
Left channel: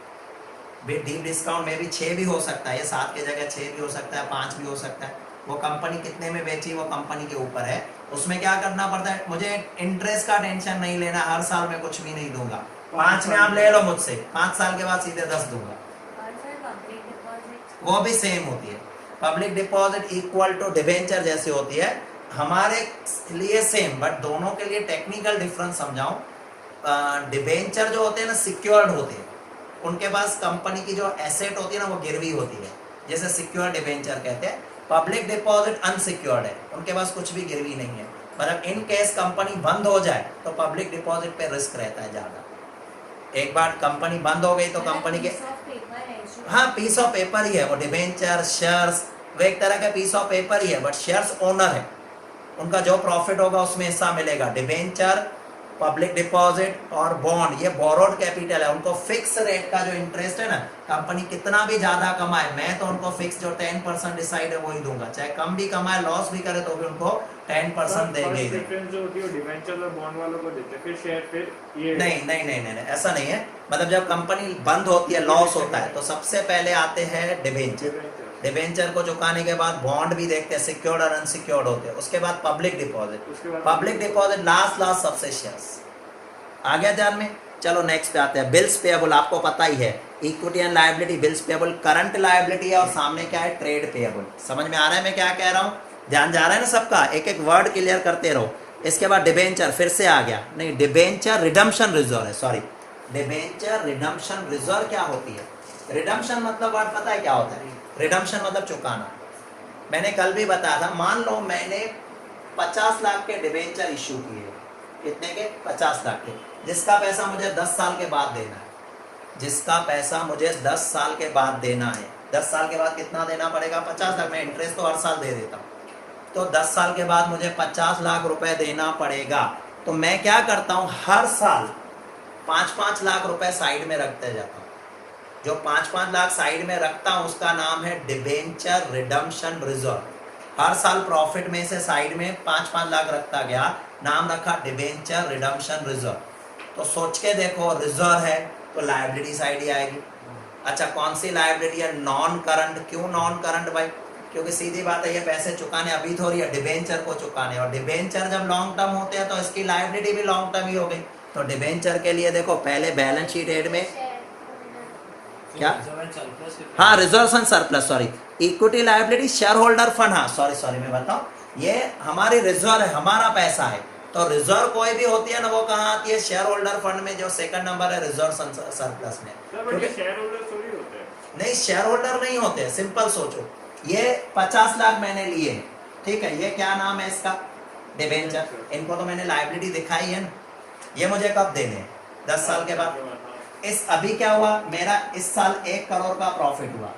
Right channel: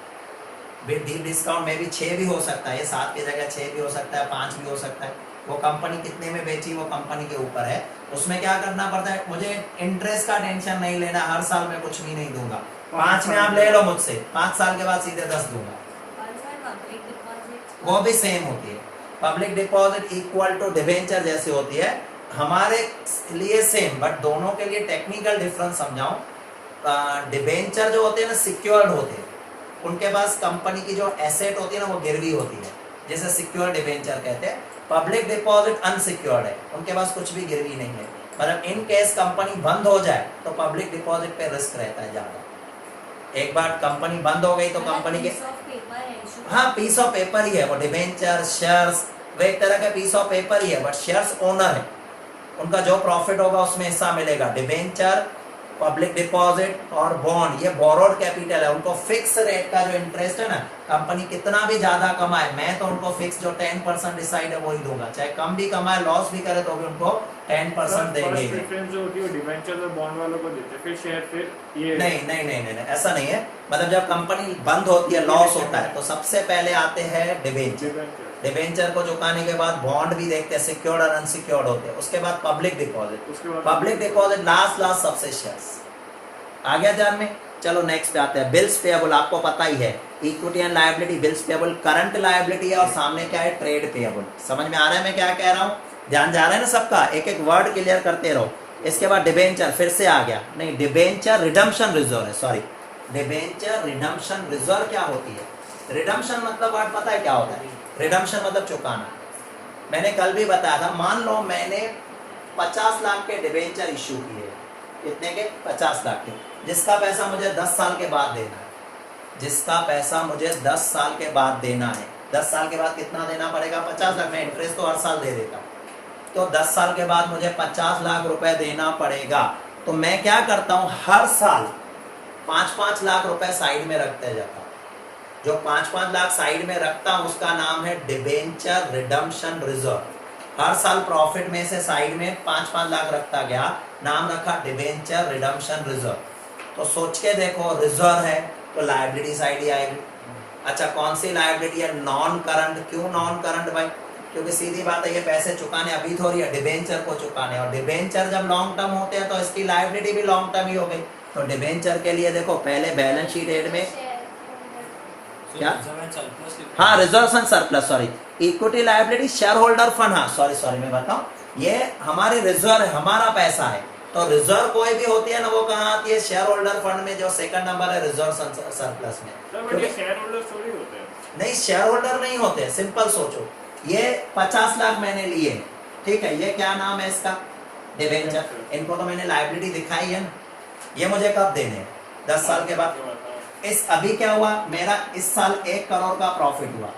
Deep discount में भी 6 भी हो सकता है, ये 7 की जगह 6 भी हो सकता है, 5 भी हो सकता है। वो कंपनी कितने में बेची वो कंपनी के ऊपर है। उसमें क्या करना पड़ता है, मुझे इंटरेस्ट का टेंशन नहीं लेना, हर साल में कुछ भी नहीं दूंगा। 5 में आप ले लो मुझसे, 5 साल के बाद सीधे 10 दूंगा। वो भी सेम होती है, public deposit equal to debenture जैसे होती है, हमारे लिए सेम, बट दोनों के लिए टेक्निकल डिफरेंस समझाऊं। डिबेंचर जो होते हैं ना, सिक्योर्ड होते हैं, उनके पास कंपनी की जो एसेट होती है ना वो गिरवी होती है, जैसे सिक्योर्ड डिबेंचर कहते हैं। पब्लिक डिपॉजिट अनसिक्योर्ड है, उनके पास कुछ भी गिरवी नहीं है, मतलब इन केस कंपनी बंद हो जाए तो पब्लिक डिपॉजिट पे रिस्क रहता है ज्यादा। एक बार कंपनी बंद हो गई तो कंपनी के, हाँ पीस ऑफ पेपर ही है वो, डिबेंचर शेयर्स वो एक तरह का पीस ऑफ पेपर ही है, बट शेयर्स ओनर है, उनका जो प्रॉफिट होगा उसमें हिस्सा मिलेगा। डिबेंचर, पब्लिक डिपॉजिट और बॉन्ड ये बोरोड कैपिटल है, उनको फिक्स रेट का जो इंटरेस्ट है ना, कंपनी कितना भी ज्यादा कमाए, मैं तो उनको फिक्स जो 10% डिसाइड है वही दूंगा, चाहे कम भी कमाए लॉस भी करे तो भी उनको 10% देंगे। प्रेफरेंस जो होती है डिबेंचर और बॉन्ड वालों को देते हैं, फिर शेयर फिर ये नहीं ऐसा नहीं है। मतलब जब कंपनी बंद होती है, लॉस होता है, तो सबसे पहले आते हैं डिबेंचर। डिबेंचर को चुकाने के बाद बॉन्ड भी देखते हैं, सिक्योर्ड और अनसिक्योर्ड होते हैं, उसके बाद public deposit, public deposit last सबसे शेयर्स। आ गया ध्यान में? चलो नेक्स्ट पे आते हैं, बिल्स पेएबल। आपको पता ही है, equity and liability, bills payable current liability है, और सामने क्या है, ट्रेड पेएबल। समझ में आ रहा है मैं क्या कह रहा हूँ? ध्यान जा रहा है ना सबका? एक एक वर्ड क्लियर करते रहो। इसके बाद डिबेंचर फिर से आ गया, नहीं डिबेंचर रिडम्पशन रिजर्व है, सॉरी डिबेंचर रिडम्पशन रिजर्व क्या होती है? रिडम्पशन मतलब वर्ड पता है क्या होता है? रिडम्पशन मतलब चुकाना। मैंने कल भी बताया था, मान लो मैंने 50 लाख के डिबेंचर इश्यू किए, कितने के? 50 लाख के, जिसका पैसा मुझे 10 साल के बाद देना है, जिसका पैसा मुझे 10 साल के बाद देना है। 10 साल के बाद कितना देना पड़ेगा? 50 लाख। मैं इंटरेस्ट तो हर साल दे देता हूँ, तो 10 साल के बाद मुझे 50 लाख रुपए देना पड़ेगा। तो मैं क्या करता हूँ, हर 5-5 लाख रुपए साइड में रखते जाता हूँ। जो 5-5 लाख साइड में रखता हूँ उसका नाम है डिबेंचर रिडम्पशन रिजर्व। हर साल प्रॉफिट में से साइड में 5-5 लाख रखता गया, नाम रखा डिबेंचर रिडम्पशन रिजर्व। तो सोच के देखो, रिजर्व है तो लायबिलिटी साइड ही आएगी। अच्छा, कौन सी लायबिलिटी है? Non current. क्यों नॉन करंट भाई? क्योंकि सीधी बात है, ये पैसे चुकाने अभी थोड़ी है, डिबेंचर को चुकाने, और डिबेंचर जब लॉन्ग टर्म होते हैं तो इसकी लायबिलिटी भी लॉन्ग टर्म ही हो गई। तो डिबेंचर के लिए देखो, पहले बैलेंस शीट एड में क्या, हाँ reserve and surplus, sorry equity liability share holder fund, हाँ सॉरी मैं बताऊं, ये हमारी रिजर्व है, हमारा पैसा है। तो रिजर्व कोई भी होती है ना, वो कहाँ आती है? शेयर होल्डर फंड में, जो सेकंड नंबर है रिजर्व सरप्लस में। शेयर होल्डर थोड़ी होते हैं। नहीं, शेयर होल्डर नहीं होते हैं। सिंपल सोचो, ये 50 लाख मैंने लिए, ठीक है, ये क्या नाम है इसका? डिबेंचर। इनको तो मैंने लायबिलिटी दिखाई है ना, ये मुझे कब देने? 10 साल के बाद। इस अभी क्या हुआ, मेरा इस साल 1 करोड़ का प्रॉफिट हुआ,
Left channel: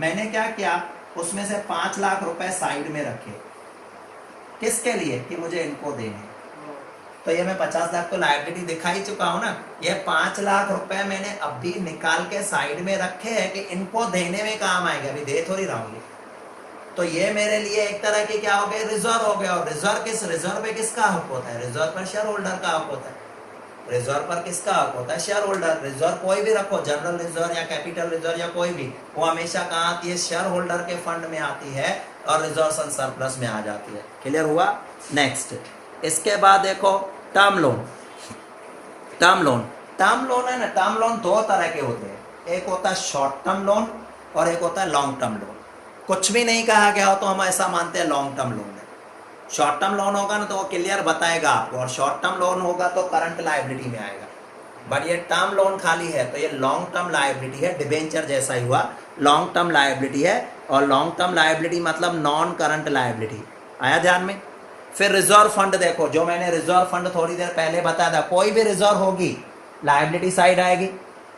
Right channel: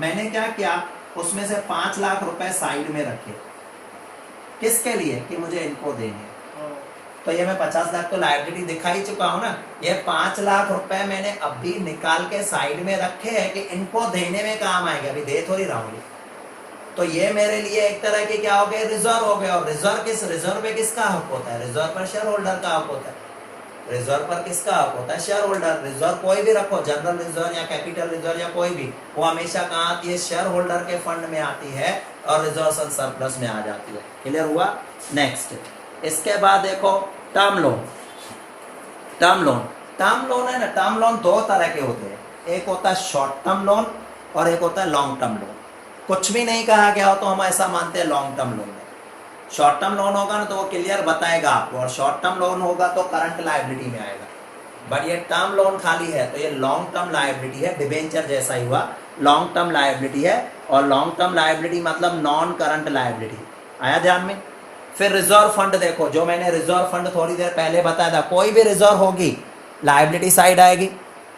मैंने क्या किया, उसमें से 5 लाख रुपए साइड में रखे। किसके लिए? कि मुझे इनको देने। तो ये मैं 50 लाख तो लायबिलिटी दिखा ही चुका हूं ना। ये 5 लाख रुपए मैंने अभी निकाल के साइड में रखे हैं कि इनको देने में काम आएंगे, अभी दे थोड़ी रहा हूं। तो ये मेरे लिए एक तरह की क्या हो गए? रिजर्व हो गए। और रिजर्व पे किसका हक होता है? रिजर्व पर शेयर होल्डर का हक होता है। रिजर्व पर किसका हक होता है? Share holder. रिजर्व कोई भी रखो, जनरल रिजर्व या कैपिटल रिजर्व या कोई भी, वो हमेशा कहाँ आती है? शेयर होल्डर के फंड में आती है और रिजर्व एंड सरप्लस में आ जाती है। क्लियर हुआ? नेक्स्ट, इसके बाद देखो टर्म लोन। टर्म लोन है ना, टर्म लोन 2 तरह के होते हैं, एक होता है शॉर्ट टर्म लोन और एक होता है लॉन्ग टर्म लोन। कुछ भी नहीं कहा गया हो तो हम ऐसा मानते हैं लॉन्ग टर्म लोन है। शॉर्ट टर्म लोन होगा ना तो वो क्लियर बताएगा आपको, और शॉर्ट टर्म लोन होगा तो करंट लायबिलिटी में आएगा। बट ये टर्म लोन खाली है तो ये लॉन्ग टर्म लायबिलिटी है, डिबेंचर जैसा ही हुआ, लॉन्ग टर्म लायबिलिटी है। और लॉन्ग टर्म लायबिलिटी मतलब नॉन करंट लायबिलिटी। आया ध्यान में? फिर रिजर्व फंड देखो, जो मैंने रिजर्व फंड थोड़ी देर पहले बताया था, कोई भी रिजर्व होगी लायबिलिटी साइड आएगी,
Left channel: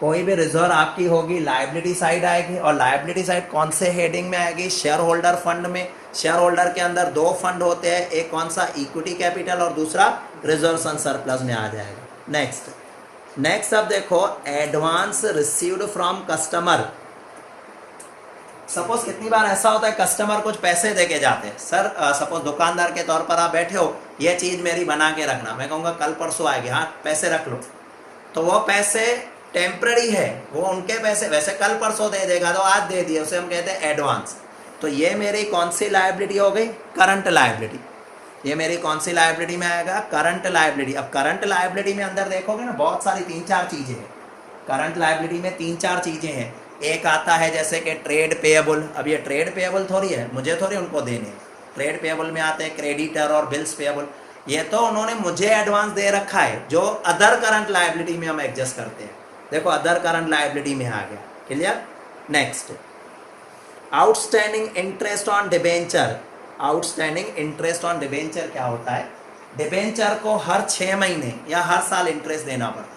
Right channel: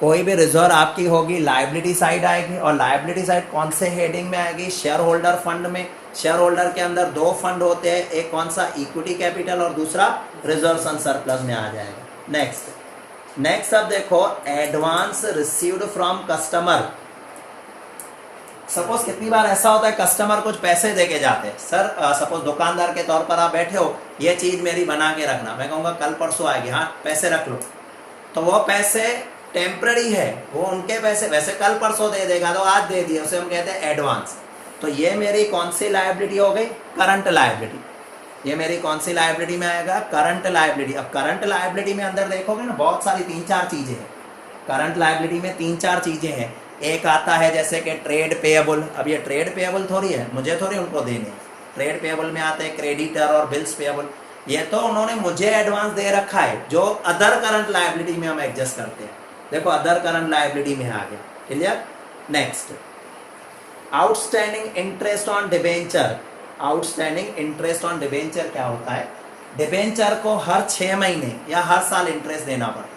कोई भी रिजर्व आपकी होगी लायबिलिटी साइड आएगी। और लायबिलिटी साइड कौन से हेडिंग में आएगी? शेयर होल्डर फंड में। शेयर होल्डर के अंदर 2 फंड होते हैं, एक कौन सा? इक्विटी कैपिटल, और दूसरा रिजर्व एंड सरप्लस में आ जाएगा। नेक्स्ट अब देखो, advance received from customer. Suppose कितनी बार ऐसा होता है, कस्टमर कुछ पैसे देके जाते हैं, सर सपोज दुकानदार के तौर पर आप बैठे हो, ये चीज मेरी बना के रखना, मैं कहूंगा कल परसों आएगी, हाँ पैसे रख लो। तो वो पैसे टेम्पररी है, वो उनके पैसे वैसे कल परसों दे देगा, तो आज दे दिए, उसे हम कहते हैं एडवांस। तो ये मेरी कौन सी लायबिलिटी हो गई? Current liability. ये मेरी कौन सी लायबिलिटी में आएगा? Current liability. अब करंट लायबिलिटी में अंदर देखोगे ना, बहुत सारी 3-4 चीजें हैं। करंट लायबिलिटी में 3-4 चीजें हैं। एक आता है जैसे कि ट्रेड पेएबल। अब ये ट्रेड पेएबल थोड़ी है, मुझे थोड़ी उनको देने। ट्रेड पेएबल में आते हैं क्रेडिटर और बिल्स पेएबल, ये तो उन्होंने मुझे एडवांस दे रखा है, जो अदर करंट लायबिलिटी में हम एडजस्ट करते हैं। देखो अदर करंट लायबिलिटी में आ गया। Clear? Next, outstanding interest on debenture. Outstanding interest on debenture क्या होता है? डिबेंचर को हर 6 महीने या हर साल इंटरेस्ट देना पड़ता है।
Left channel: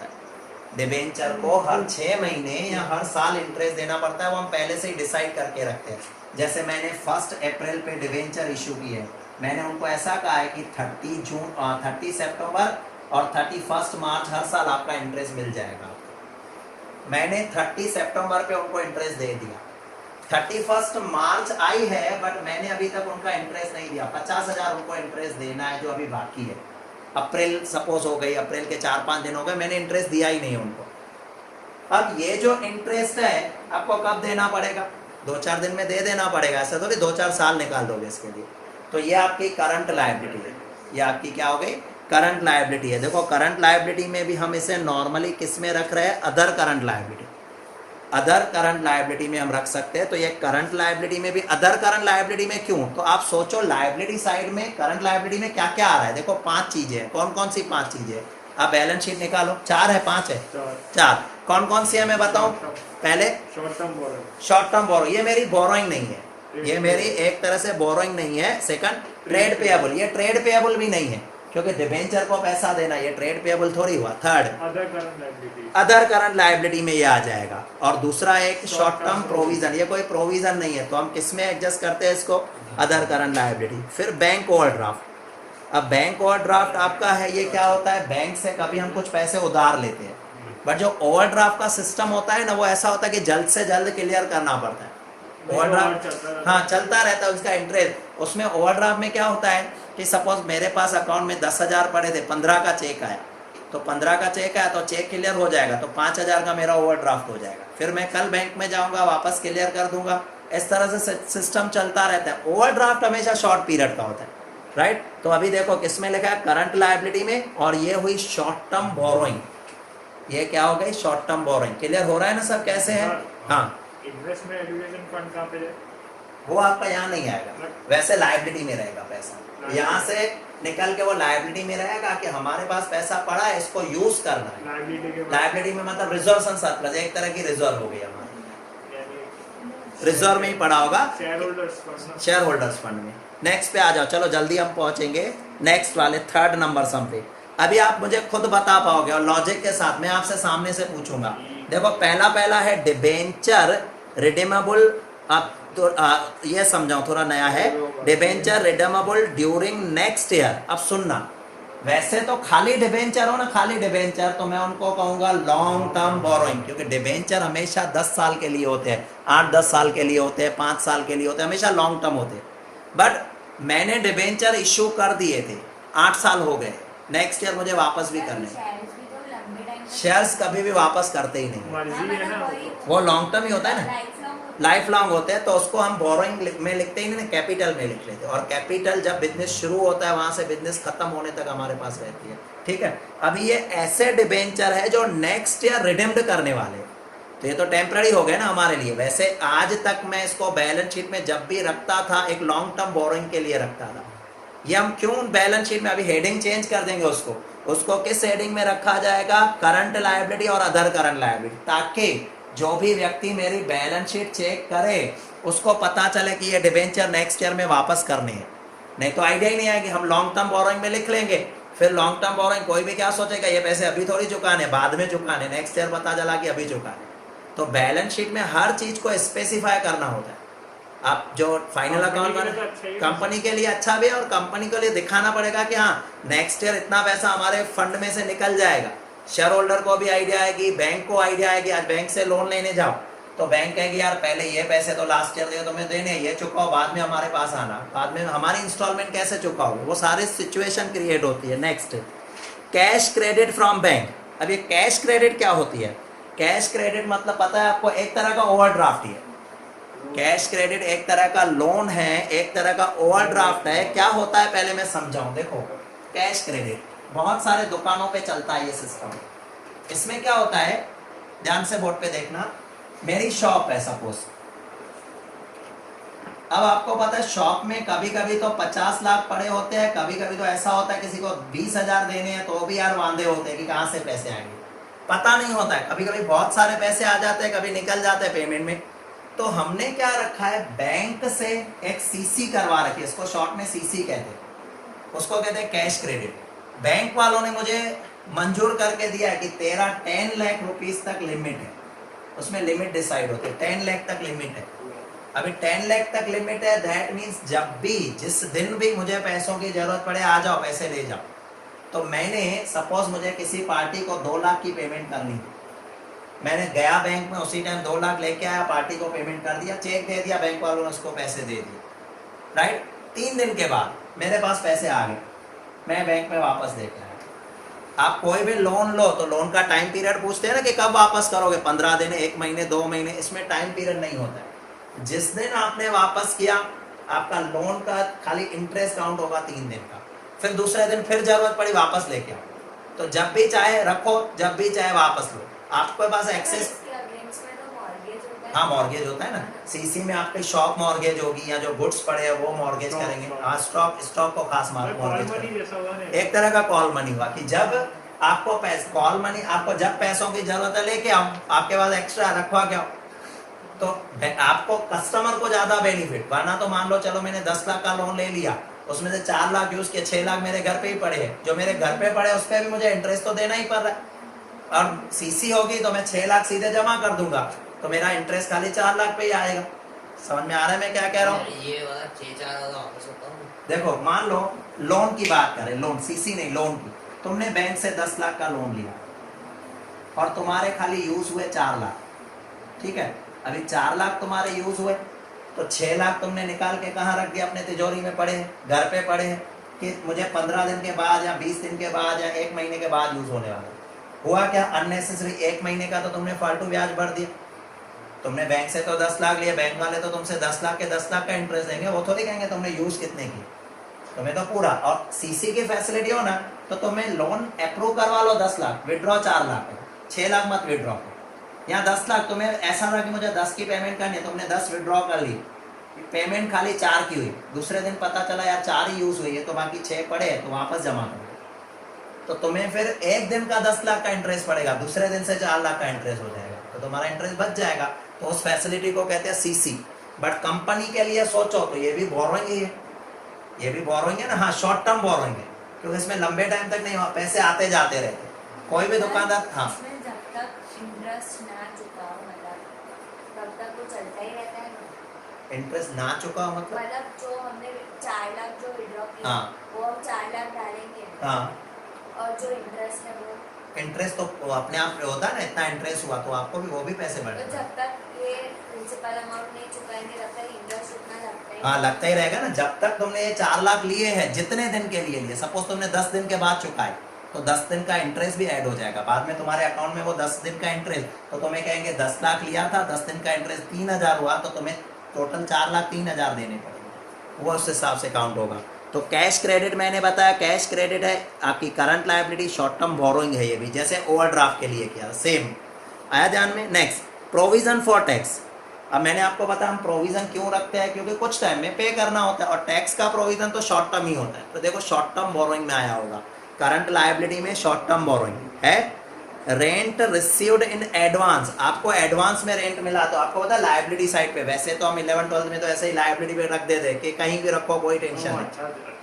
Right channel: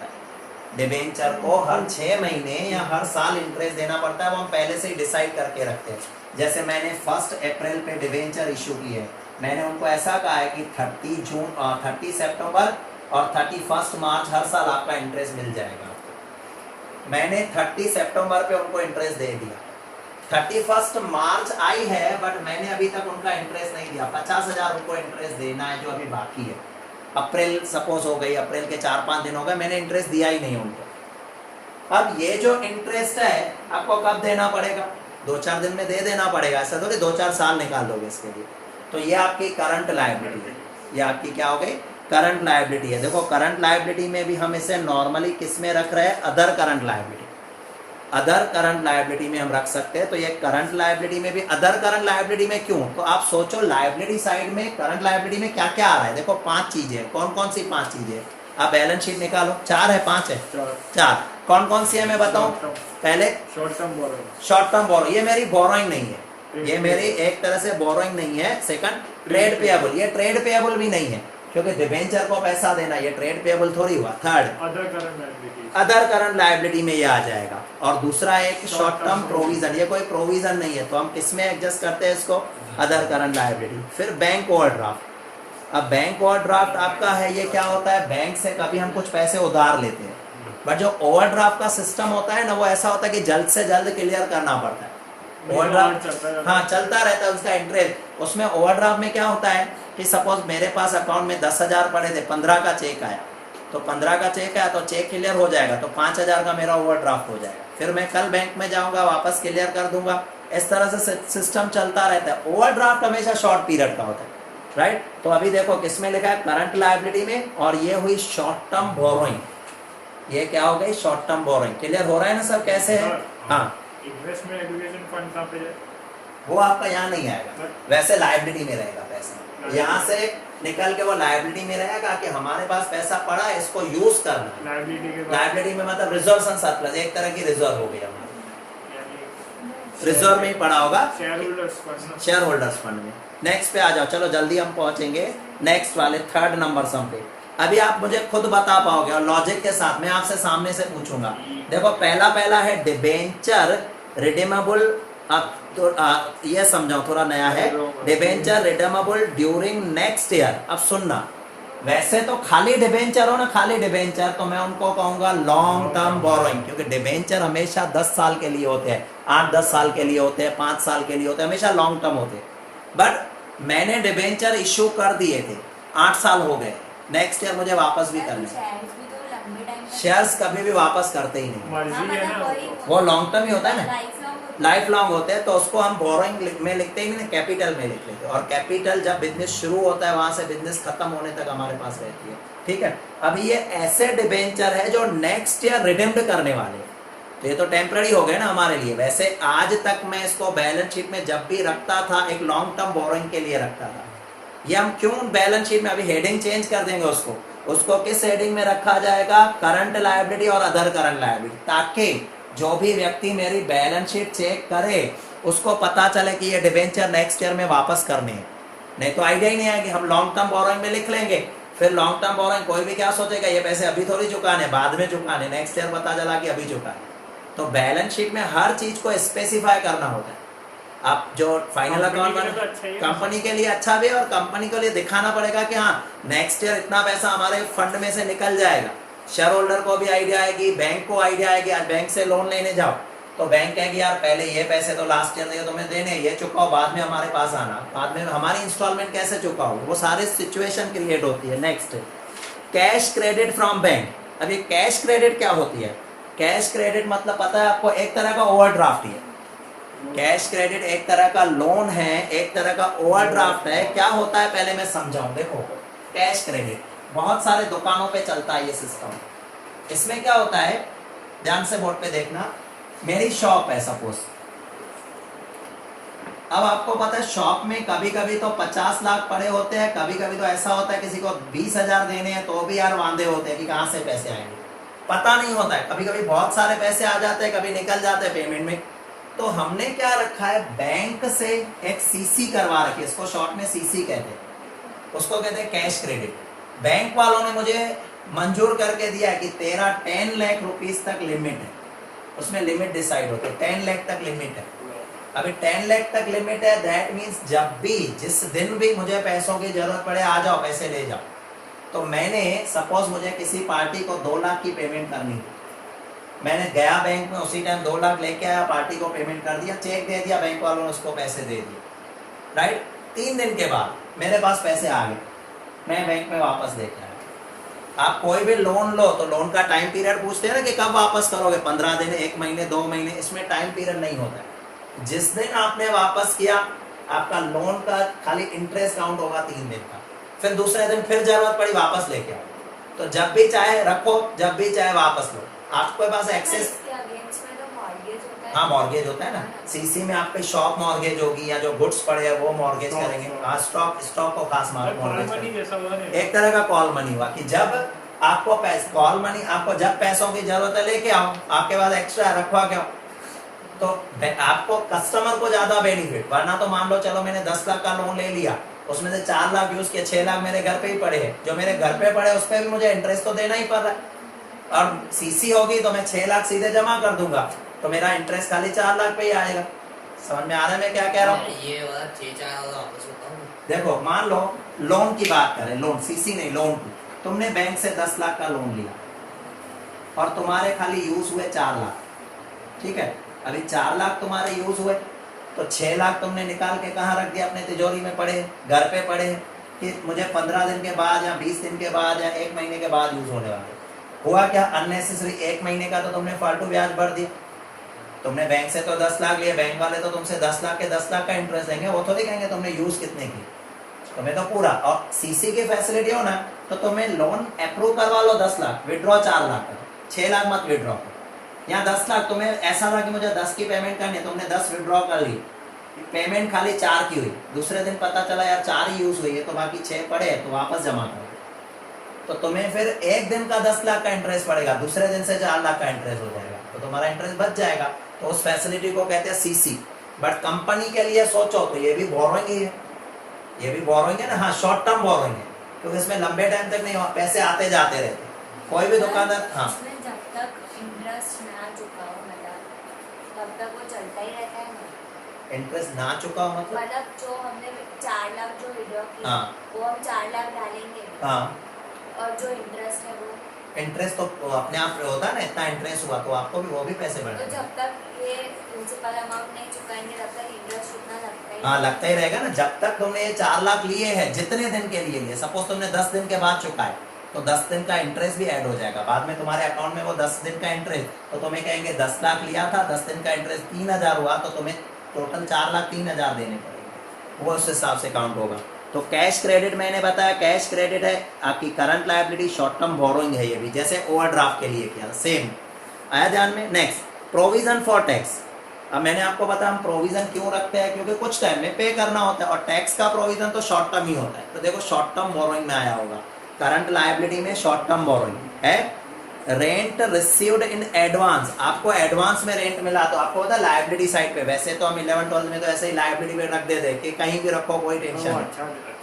डिबेंचर को हर 6 महीने या हर साल इंटरेस्ट देना पड़ता है, वो हम पहले से ही डिसाइड करके रखते हैं। जैसे मैंने 1 अप्रैल पे डिबेंचर इशू की है, मैंने उनको ऐसा कहा है कि 30 सितंबर और 31 मार्च हर साल आपका इंटरेस्ट मिल जाएगा। मैंने 30 सितंबर पे उनको इंटरेस्ट दे दिया, 31 मार्च आई है बट मैंने अभी तक उनका इंटरेस्ट नहीं दिया। 50,000 उनको इंटरेस्ट देना है जो अभी बाकी है। अप्रैल सपोज हो गई, अप्रैल के 4-5 दिन हो गए, मैंने इंटरेस्ट दिया ही नहीं उनको। अब ये जो इंटरेस्ट है आपको कब देना पड़ेगा? 2-4 दिन में दे देना पड़ेगा, ऐसा तो नहीं 2-4 साल निकाल दोगे इसके लिए। तो ये आपकी करंट लायबिलिटी है, ये आपकी क्या हो गई? करंट लायबिलिटी है। देखो करंट लायबिलिटी में भी हम इसे नॉर्मली किस में रख रहे हैं? Other current liability. Other current liability में हम रख सकते हैं। तो ये करंट लायबिलिटी में भी, अदर करंट लायबिलिटी में क्यों? तो आप सोचो लायबिलिटी साइड में करंट लायबिलिटी में क्या क्या आ रहा है। देखो 5 चीजें, कौन कौन सी 5 चीजें? आप बैलेंस शीट निकालो, 4 है 5 है? 4। कौन कौन सी है मैं बताऊं? पहले short term borrowing. Short term borrow, ये मेरी बोरोइंग नहीं है, ये मेरी एक तरह से बोरोइंग नहीं है। सेकंड, ट्रेड पेएबल, ये ट्रेड पेएबल भी नहीं है क्योंकि डिबेंचर को पैसा देना, ये ट्रेड पेएबल थोड़ी हुआ। Third, other current liability, other current liability में ये आ जाएगा। और दूसरा एक शॉर्ट टर्म प्रोविजन, ये कोई प्रोविजन नहीं है तो हम किस में एडजस्ट करते हैं इसको? Other current liability. फिर बैंक ओवरड्राफ्ट। अब बैंक ओवरड्राफ्ट आपका है, ये क्या होता है? बैंक से कभी हम कुछ पैसे उधार लेते हैं, बट जो ओवरड्राफ्ट का सिस्टम होता है ना, वो ऐसा होता है कि जल्द से जल्द क्लियर करना पड़ता है। ओवरड्राफ्ट हाँ चलता रहता है उसका इंटरेस्ट। उसमें ओवरड्राफ्ट में क्या होता है कि सपोज मेरे पास अकाउंट में 10,000 पड़े थे, 15 का चेक आया, तो 15 का चेक आया तो चेक क्लियर हो जाएगा, तो 5,000 का मेरा ओवरड्राफ्ट हो जाएगा। फिर मैं कल बैंक में जाऊंगा, वापस क्लियर कर दूंगा। इस तरह से सिस्टम चलता रहता है। ओवरड्राफ्ट हमेशा शॉर्ट पीरियड का होता है, राइट। तो अभी देखो किसमें लिखा है, करंट लायबिलिटी में, और ये हुई शॉर्ट टर्म बोरोइंग। ये क्या हो गई, शॉर्ट टर्म बोरोइंग। क्लियर हो रहा है ना सब कैसे है? हाँ, इन्वेस्टमेंट एजुकेशन फंड कहाँ पे है? वो आपका यहाँ नहीं आएगा, वैसे लायबिलिटी में रहेगा पैसा। यहाँ से निकल के वो लायबिलिटी में रहेगा कि हमारे पास पैसा पड़ा है, इसको यूज करना है। लायबिलिटी में मतलब रिजर्व एंड सरप्लस, एक तरह की रिजर्व हो गई हमारी, रिजर्व में ही पड़ा होगा share holders fund. Share holders fund में। नेक्स्ट पे आ जाओ, चलो जल्दी हम पहुंचेंगे नेक्स्ट वाले थर्ड नंबर सम पे। अभी आप मुझे खुद बता पाओगे और लॉजिक के साथ, मैं आपसे सामने से पूछूंगा। देखो पहला है डिबेंचर रिडीमेबल। अब तो ये समझाओ, थोड़ा नया है। Debenture redeemable during next year. अब सुनना, वैसे तो खाली डिबेंचर हो ना, खाली डिबेंचर, तो मैं उनको कहूंगा लॉन्ग टर्म बोरोइंग, क्योंकि डिबेंचर हमेशा 10 साल के लिए होते हैं, 8-10 साल के लिए होते हैं, 5 साल के लिए होते हैं, हमेशा लॉन्ग टर्म होते हैं। बट मैंने डिबेंचर इश्यू कर दिए थे, 8 साल हो गए, नेक्स्ट ईयर मुझे वापस भी करने हैं। शेयर्स कभी भी वापस करते ही नहीं, मर्जी है ना, वो लॉन्ग टर्म ही होता है ना, लाइफ लॉन्ग होते हैं। तो उसको हम बोरोइंग में लिखते ही नहीं, कैपिटल में लिख लेते हैं। और कैपिटल जब बिजनेस शुरू होता है, वहां से बिजनेस खत्म होने तक हमारे पास रहती है, ठीक है। अभी ये ऐसे डिबेंचर है जो नेक्स्ट ईयर रिडीम्ड करने वाले, तो ये तो टेम्पररी हो गए ना हमारे लिए। वैसे आज तक मैं इसको बैलेंस शीट में जब भी रखता था, एक लॉन्ग टर्म बोरोइंग के लिए रखता था। ये हम क्यों बैलेंस शीट में, अभी हेडिंग चेंज कर देंगे उसको किस हेडिंग में रखा जाएगा, करंट लायबिलिटी और अदर करंट लायबिलिटी, ताकि जो भी व्यक्ति मेरी बैलेंस शीट चेक करे उसको पता चले कि ये डिबेंचर नेक्स्ट ईयर में वापस करने हैं। नहीं तो आइडिया ही नहीं है कि हम लॉन्ग टर्म बोरोइंग में लिख लेंगे, फिर लॉन्ग टर्म बोरोइंग कोई भी क्या सोचेगा, ये पैसे अभी थोड़ी चुकाने, बाद में चुकाने, नेक्स्ट ईयर पता चला कि अभी चुकाने। तो बैलेंस शीट में हर चीज को स्पेसिफाई करना होता है। आप जो फाइनल अकाउंट में, कंपनी के लिए अच्छा भी है, और कंपनी के लिए दिखाना पड़ेगा कि हाँ नेक्स्ट ईयर इतना पैसा हमारे फंड में से निकल जाएगा। शेयर होल्डर को भी आइडिया आएगी, बैंक को आइडिया आएगी। आज बैंक से लोन लेने जाओ तो बैंक कहेगी यार पहले ये पैसे तो लास्ट ईयर तुम्हें देने, ये चुकाओ, बाद में हमारे पास आना, बाद में हमारी इंस्टॉलमेंट कैसे चुकाओगे, वो सारे सिचुएशन क्रिएट होती है। Next, cash credit from bank. अब ये कैश क्रेडिट क्या होती है? कैश क्रेडिट मतलब पता है आपको, एक तरह का ओवरड्राफ्ट है। कैश क्रेडिट एक तरह का लोन है, एक तरह का ओवरड्राफ्ट है। क्या होता है पहले मैं समझाऊं। देखो कैश क्रेडिट बहुत सारे दुकानों पे चलता है ये सिस्टम। इसमें क्या होता है, ध्यान से बोर्ड पे देखना, मेरी शॉप है सपोज। अब आपको पता है शॉप में कभी कभी तो 50 लाख पड़े होते हैं, कभी कभी तो ऐसा होता है किसी को 20,000 देने हैं तो भी यार वांदे होते हैं कि कहां से पैसे आएंगे, पता नहीं होता है। कभी कभी बहुत सारे पैसे आ जाते हैं, कभी निकल जाते हैं पेमेंट में। तो हमने क्या रखा है, बैंक से एक सीसी करवा रखी है, इसको शॉर्ट में सीसी कहते हैं, उसको कहते हैं कैश क्रेडिट। बैंक वालों ने मुझे मंजूर करके दिया है कि तेरा 10 लाख रुपीस तक लिमिट है, उसमें लिमिट डिसाइड होती है, 10 लाख तक लिमिट है। अभी 10 लाख तक लिमिट है, दैट मीन्स जब भी जिस दिन भी मुझे पैसों की जरूरत पड़े आ जाओ, पैसे ले जाओ। तो मैंने सपोज मुझे किसी पार्टी को 2 लाख की पेमेंट करनी थी, मैंने गया बैंक में, उसी टाइम 2 लाख लेके आया, पार्टी को पेमेंट कर दिया, चेक दे दिया, बैंक वालों ने उसको पैसे दे दिए, राइट। 3 दिन के बाद मेरे पास पैसे आ गए, मैं बैंक में वापस लेके आया। आप कोई भी लोन लो तो लोन का टाइम पीरियड पूछते हैं ना कि कब वापस करोगे, 15 दिन, 1 महीने, 2 महीने, इसमें टाइम पीरियड नहीं होता है। जिस दिन आपने वापस किया, आपका लोन का खाली इंटरेस्ट काउंट होगा 3 दिन का, फिर दूसरे दिन फिर जरूरत पड़ी वापस लेके आओ। तो जब भी चाहे रखो, जब भी चाहे वापस लो, आपके पास एक्सेस। हाँ मॉर्गेज होता है ना, सीसी में आपकी शॉप मॉर्गेज होगी, या जो गुड्स पड़े हैं वो मॉर्गेज करेंगे। हाँ स्टॉक को खास मॉर्गेज करेंगे। एक तरह का कॉल मनी हुआ कि जब आपको कॉल मनी, आपको जब पैसों की जरूरत है लेके आओ, आपके पास एक्स्ट्रा रखवा के आओ, तो आपको कस्टमर को ज्यादा बेनिफिट। वरना तो मान लो चलो मैंने 10 लाख का लोन ले लिया, उसमें से 4 लाख यूज किया, 6 लाख मेरे घर पे ही पड़े हैं, जो मेरे घर पे पड़े उस पर भी मुझे इंटरेस्ट तो देना ही पड़ रहा है। और सीसी होगी तो मैं 6 लाख सीधे जमा कर दूंगा, तो मेरा इंटरेस्ट खाली 4 लाख पे ही आएगा। समझ में आ रहा है मैं क्या कह रहा हूँ? ये वाला 6-4 वापस होता हूँ। देखो मान लो लोन की बात करें, लोन सीसी नहीं, लोन की, तुमने बैंक से 10 लाख का लोन लिया, और तुम्हारे खाली यूज हुए 4 लाख, ठीक है। अभी 4 लाख तुम्हारे यूज हुए, तो 6 लाख तुमने निकाल के कहाँ रख दिया? अपने तिजोरी में पड़े हैं, घर पे पड़े हैं कि मुझे 15 दिन के बाद या 20 दिन के बाद या 1 महीने के बाद यूज होने वाले। हुआ क्या? अननेसेसरी 1 महीने का तो तुमने फालतू ब्याज भर दिया। तुमने बैंक से तो 10 लाख लिया, बैंक वाले तो तुमसे 10 लाख के 10 लाख का इंटरेस्ट देंगे, वो तो नहीं कहेंगे तुमने यूज कितने की, तुम्हें तो पूरा। और सीसी की फैसिलिटी हो ना, तो तुम्हें लोन अप्रूव करवा लो 10 लाख, विड्रॉ 4 लाख, 6 लाख मत विड्रॉ करो। या 10 लाख तुम्हें ऐसा था कि मुझे 10 की पेमेंट करनी, तुमने 10 विड्रॉ कर ली, पेमेंट खाली 4 की हुई, दूसरे दिन पता चला यार 4 ही यूज हुई है, तो बाकी 6 पड़े हैं, तो वापस जमा करो। तो तुम्हें फिर एक दिन का 10 लाख का इंटरेस्ट पड़ेगा, दूसरे दिन से 4 लाख का इंटरेस्ट हो जाएगा, तो तुम्हारा इंटरेस्ट बच जाएगा। तो उस फैसिलिटी को कहते हैं सीसी। बट कंपनी के लिए सोचो तो ये भी बोरोइंग ही है, ये भी बोरोइंग है ना। हाँ, शॉर्ट टर्म बोरोइंग है, क्योंकि इसमें लंबे टाइम तक नहीं, पैसे आते जाते रहते हैं। कोई भी दुकानदार, हाँ, जब तक इंटरेस्ट ना चुकाओ मतलब तब तक वो चलता ही रहता है ना। इंटरेस्ट ना चुका हो मतलब जो हमने 4 लाख जो विड्रॉ किया, हाँ, वो हम 4 लाख डालेंगे, हाँ, और जो इंटरेस्ट है वो इंटरेस्ट तो अपने आप होता है ना, इतना इंटरेस्ट हुआ तो आपको भी वो भी पैसे तो बढ़ने। जब तक ये प्रिंसिपल अमाउंट नहीं चुकाएंगे तब तक इंटरेस्ट उतना लगता है। हाँ, लगता ही रहेगा ना। जब तक तुमने ये 4 लाख लिए हैं, जितने दिन के लिए लिए, सपोज तुमने 10 दिन के बाद चुकाए, तो 10 दिन का इंटरेस्ट भी ऐड हो जाएगा बाद में तुम्हारे अकाउंट में। वो 10 दिन का इंटरेस्ट, तो तुम्हें कहेंगे 10 लाख लिया था, 10 दिन का इंटरेस्ट 3000 हुआ, तो तुम्हें टोटल 4 लाख 3000 देने पड़ेंगे, वो उस हिसाब से काउंट होगा। तो कैश क्रेडिट मैंने बताया, कैश क्रेडिट है आपकी current liability, short term borrowing है ये भी, जैसे ओवरड्राफ्ट के लिए किया, सेम आया ध्यान में। Next, provision for tax. अब मैंने आपको बताया हम प्रोविजन क्यों रखते हैं, क्योंकि कुछ टाइम में पे करना होता है, और टैक्स का प्रोविजन तो शॉर्ट टर्म ही होता है। तो देखो शॉर्ट टर्म बोरोइंग में आया होगा, करंट लायबिलिटी में शॉर्ट टर्म बोरोइंग है। रेंट रिसीव्ड इन एडवांस, आपको एडवांस में रेंट मिला, तो आपको होता है लायबिलिटी साइड पे। वैसे तो हम 11-12 में तो ऐसे ही लायबिलिटी पे रख देते कि कहीं भी रखो कोई टेंशन नहीं,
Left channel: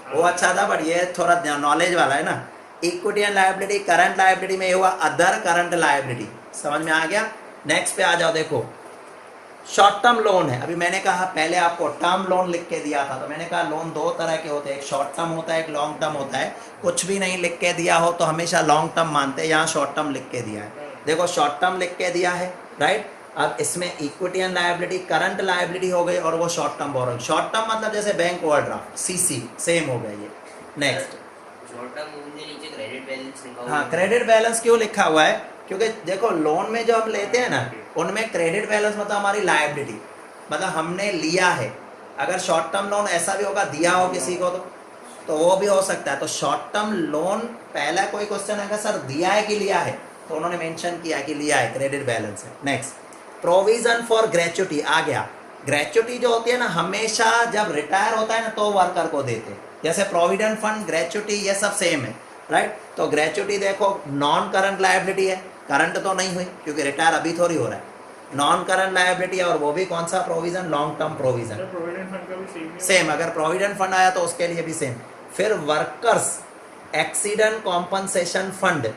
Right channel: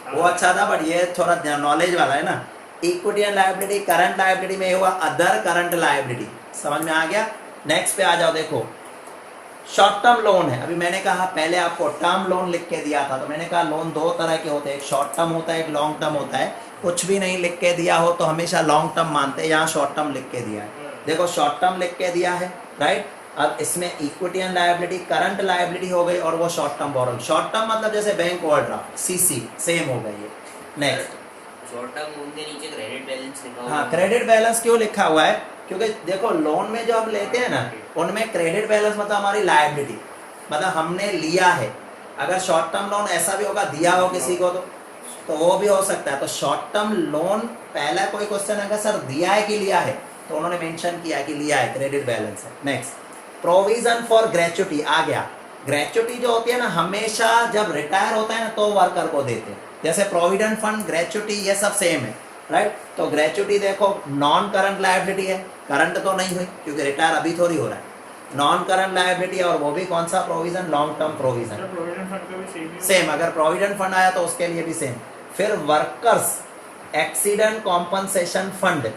वो अच्छा था। बट ये थोड़ा नॉलेज वाला है ना। Equity and liability, current liability में हुआ अदर करंट लायबिलिटी, समझ में आ गया। नेक्स्ट पे आ जाओ, देखो शॉर्ट टर्म लोन है। अभी मैंने कहा पहले आपको टर्म लोन लिख के दिया था, तो मैंने कहा लोन 2 तरह के होते हैं, एक शॉर्ट टर्म होता है, एक लॉन्ग टर्म होता है। कुछ भी नहीं लिख के दिया हो तो हमेशा लॉन्ग टर्म मानते हैं, यहाँ शॉर्ट टर्म लिख के दिया है। देखो शॉर्ट टर्म लिख के दिया है, राइट। अब इसमें equity and liability, current liability हो गई, और वो short term borrowing. Short term मतलब जैसे बैंक ओवरड्राफ्ट, सीसी, सेम हो गई है। नेक्स्ट, शॉर्ट टर्म लोन के नीचे क्रेडिट बैलेंस लिखा हुआ हाँ, है। क्रेडिट बैलेंस क्यों लिखा हुआ है? क्योंकि देखो लोन में जो हम लेते हैं ना, उनमें क्रेडिट बैलेंस मतलब हमारी लायबिलिटी, मतलब हमने लिया है। अगर शॉर्ट टर्म लोन ऐसा भी होगा दिया हो किसी को, तो वो भी हो सकता है। तो शॉर्ट टर्म लोन, पहला कोई क्वेश्चन आएगा सर दिया है कि लिया है, तो उन्होंने मेंशन किया कि लिया है, क्रेडिट बैलेंस है। नेक्स्ट, प्रोविजन फॉर ग्रेच्युटी आ गया। ग्रेच्युटी जो होती है ना, हमेशा जब रिटायर होता है ना तो वर्कर को देते हैं, जैसे प्रोविडेंट फंड, ग्रेच्युटी, ये सब सेम है, राइट। तो ग्रेच्युटी देखो नॉन करंट लायबिलिटी है, करंट तो नहीं हुई क्योंकि रिटायर अभी थोड़ी हो रहा है, नॉन करंट लायबिलिटी है। और वो भी कौन सा provision? Long term provision, provident fund का भी सेम। अगर प्रोविडेंट फंड आया तो उसके लिए भी सेम। फिर वर्कर्स एक्सीडेंट कॉम्पनसेशन फंड।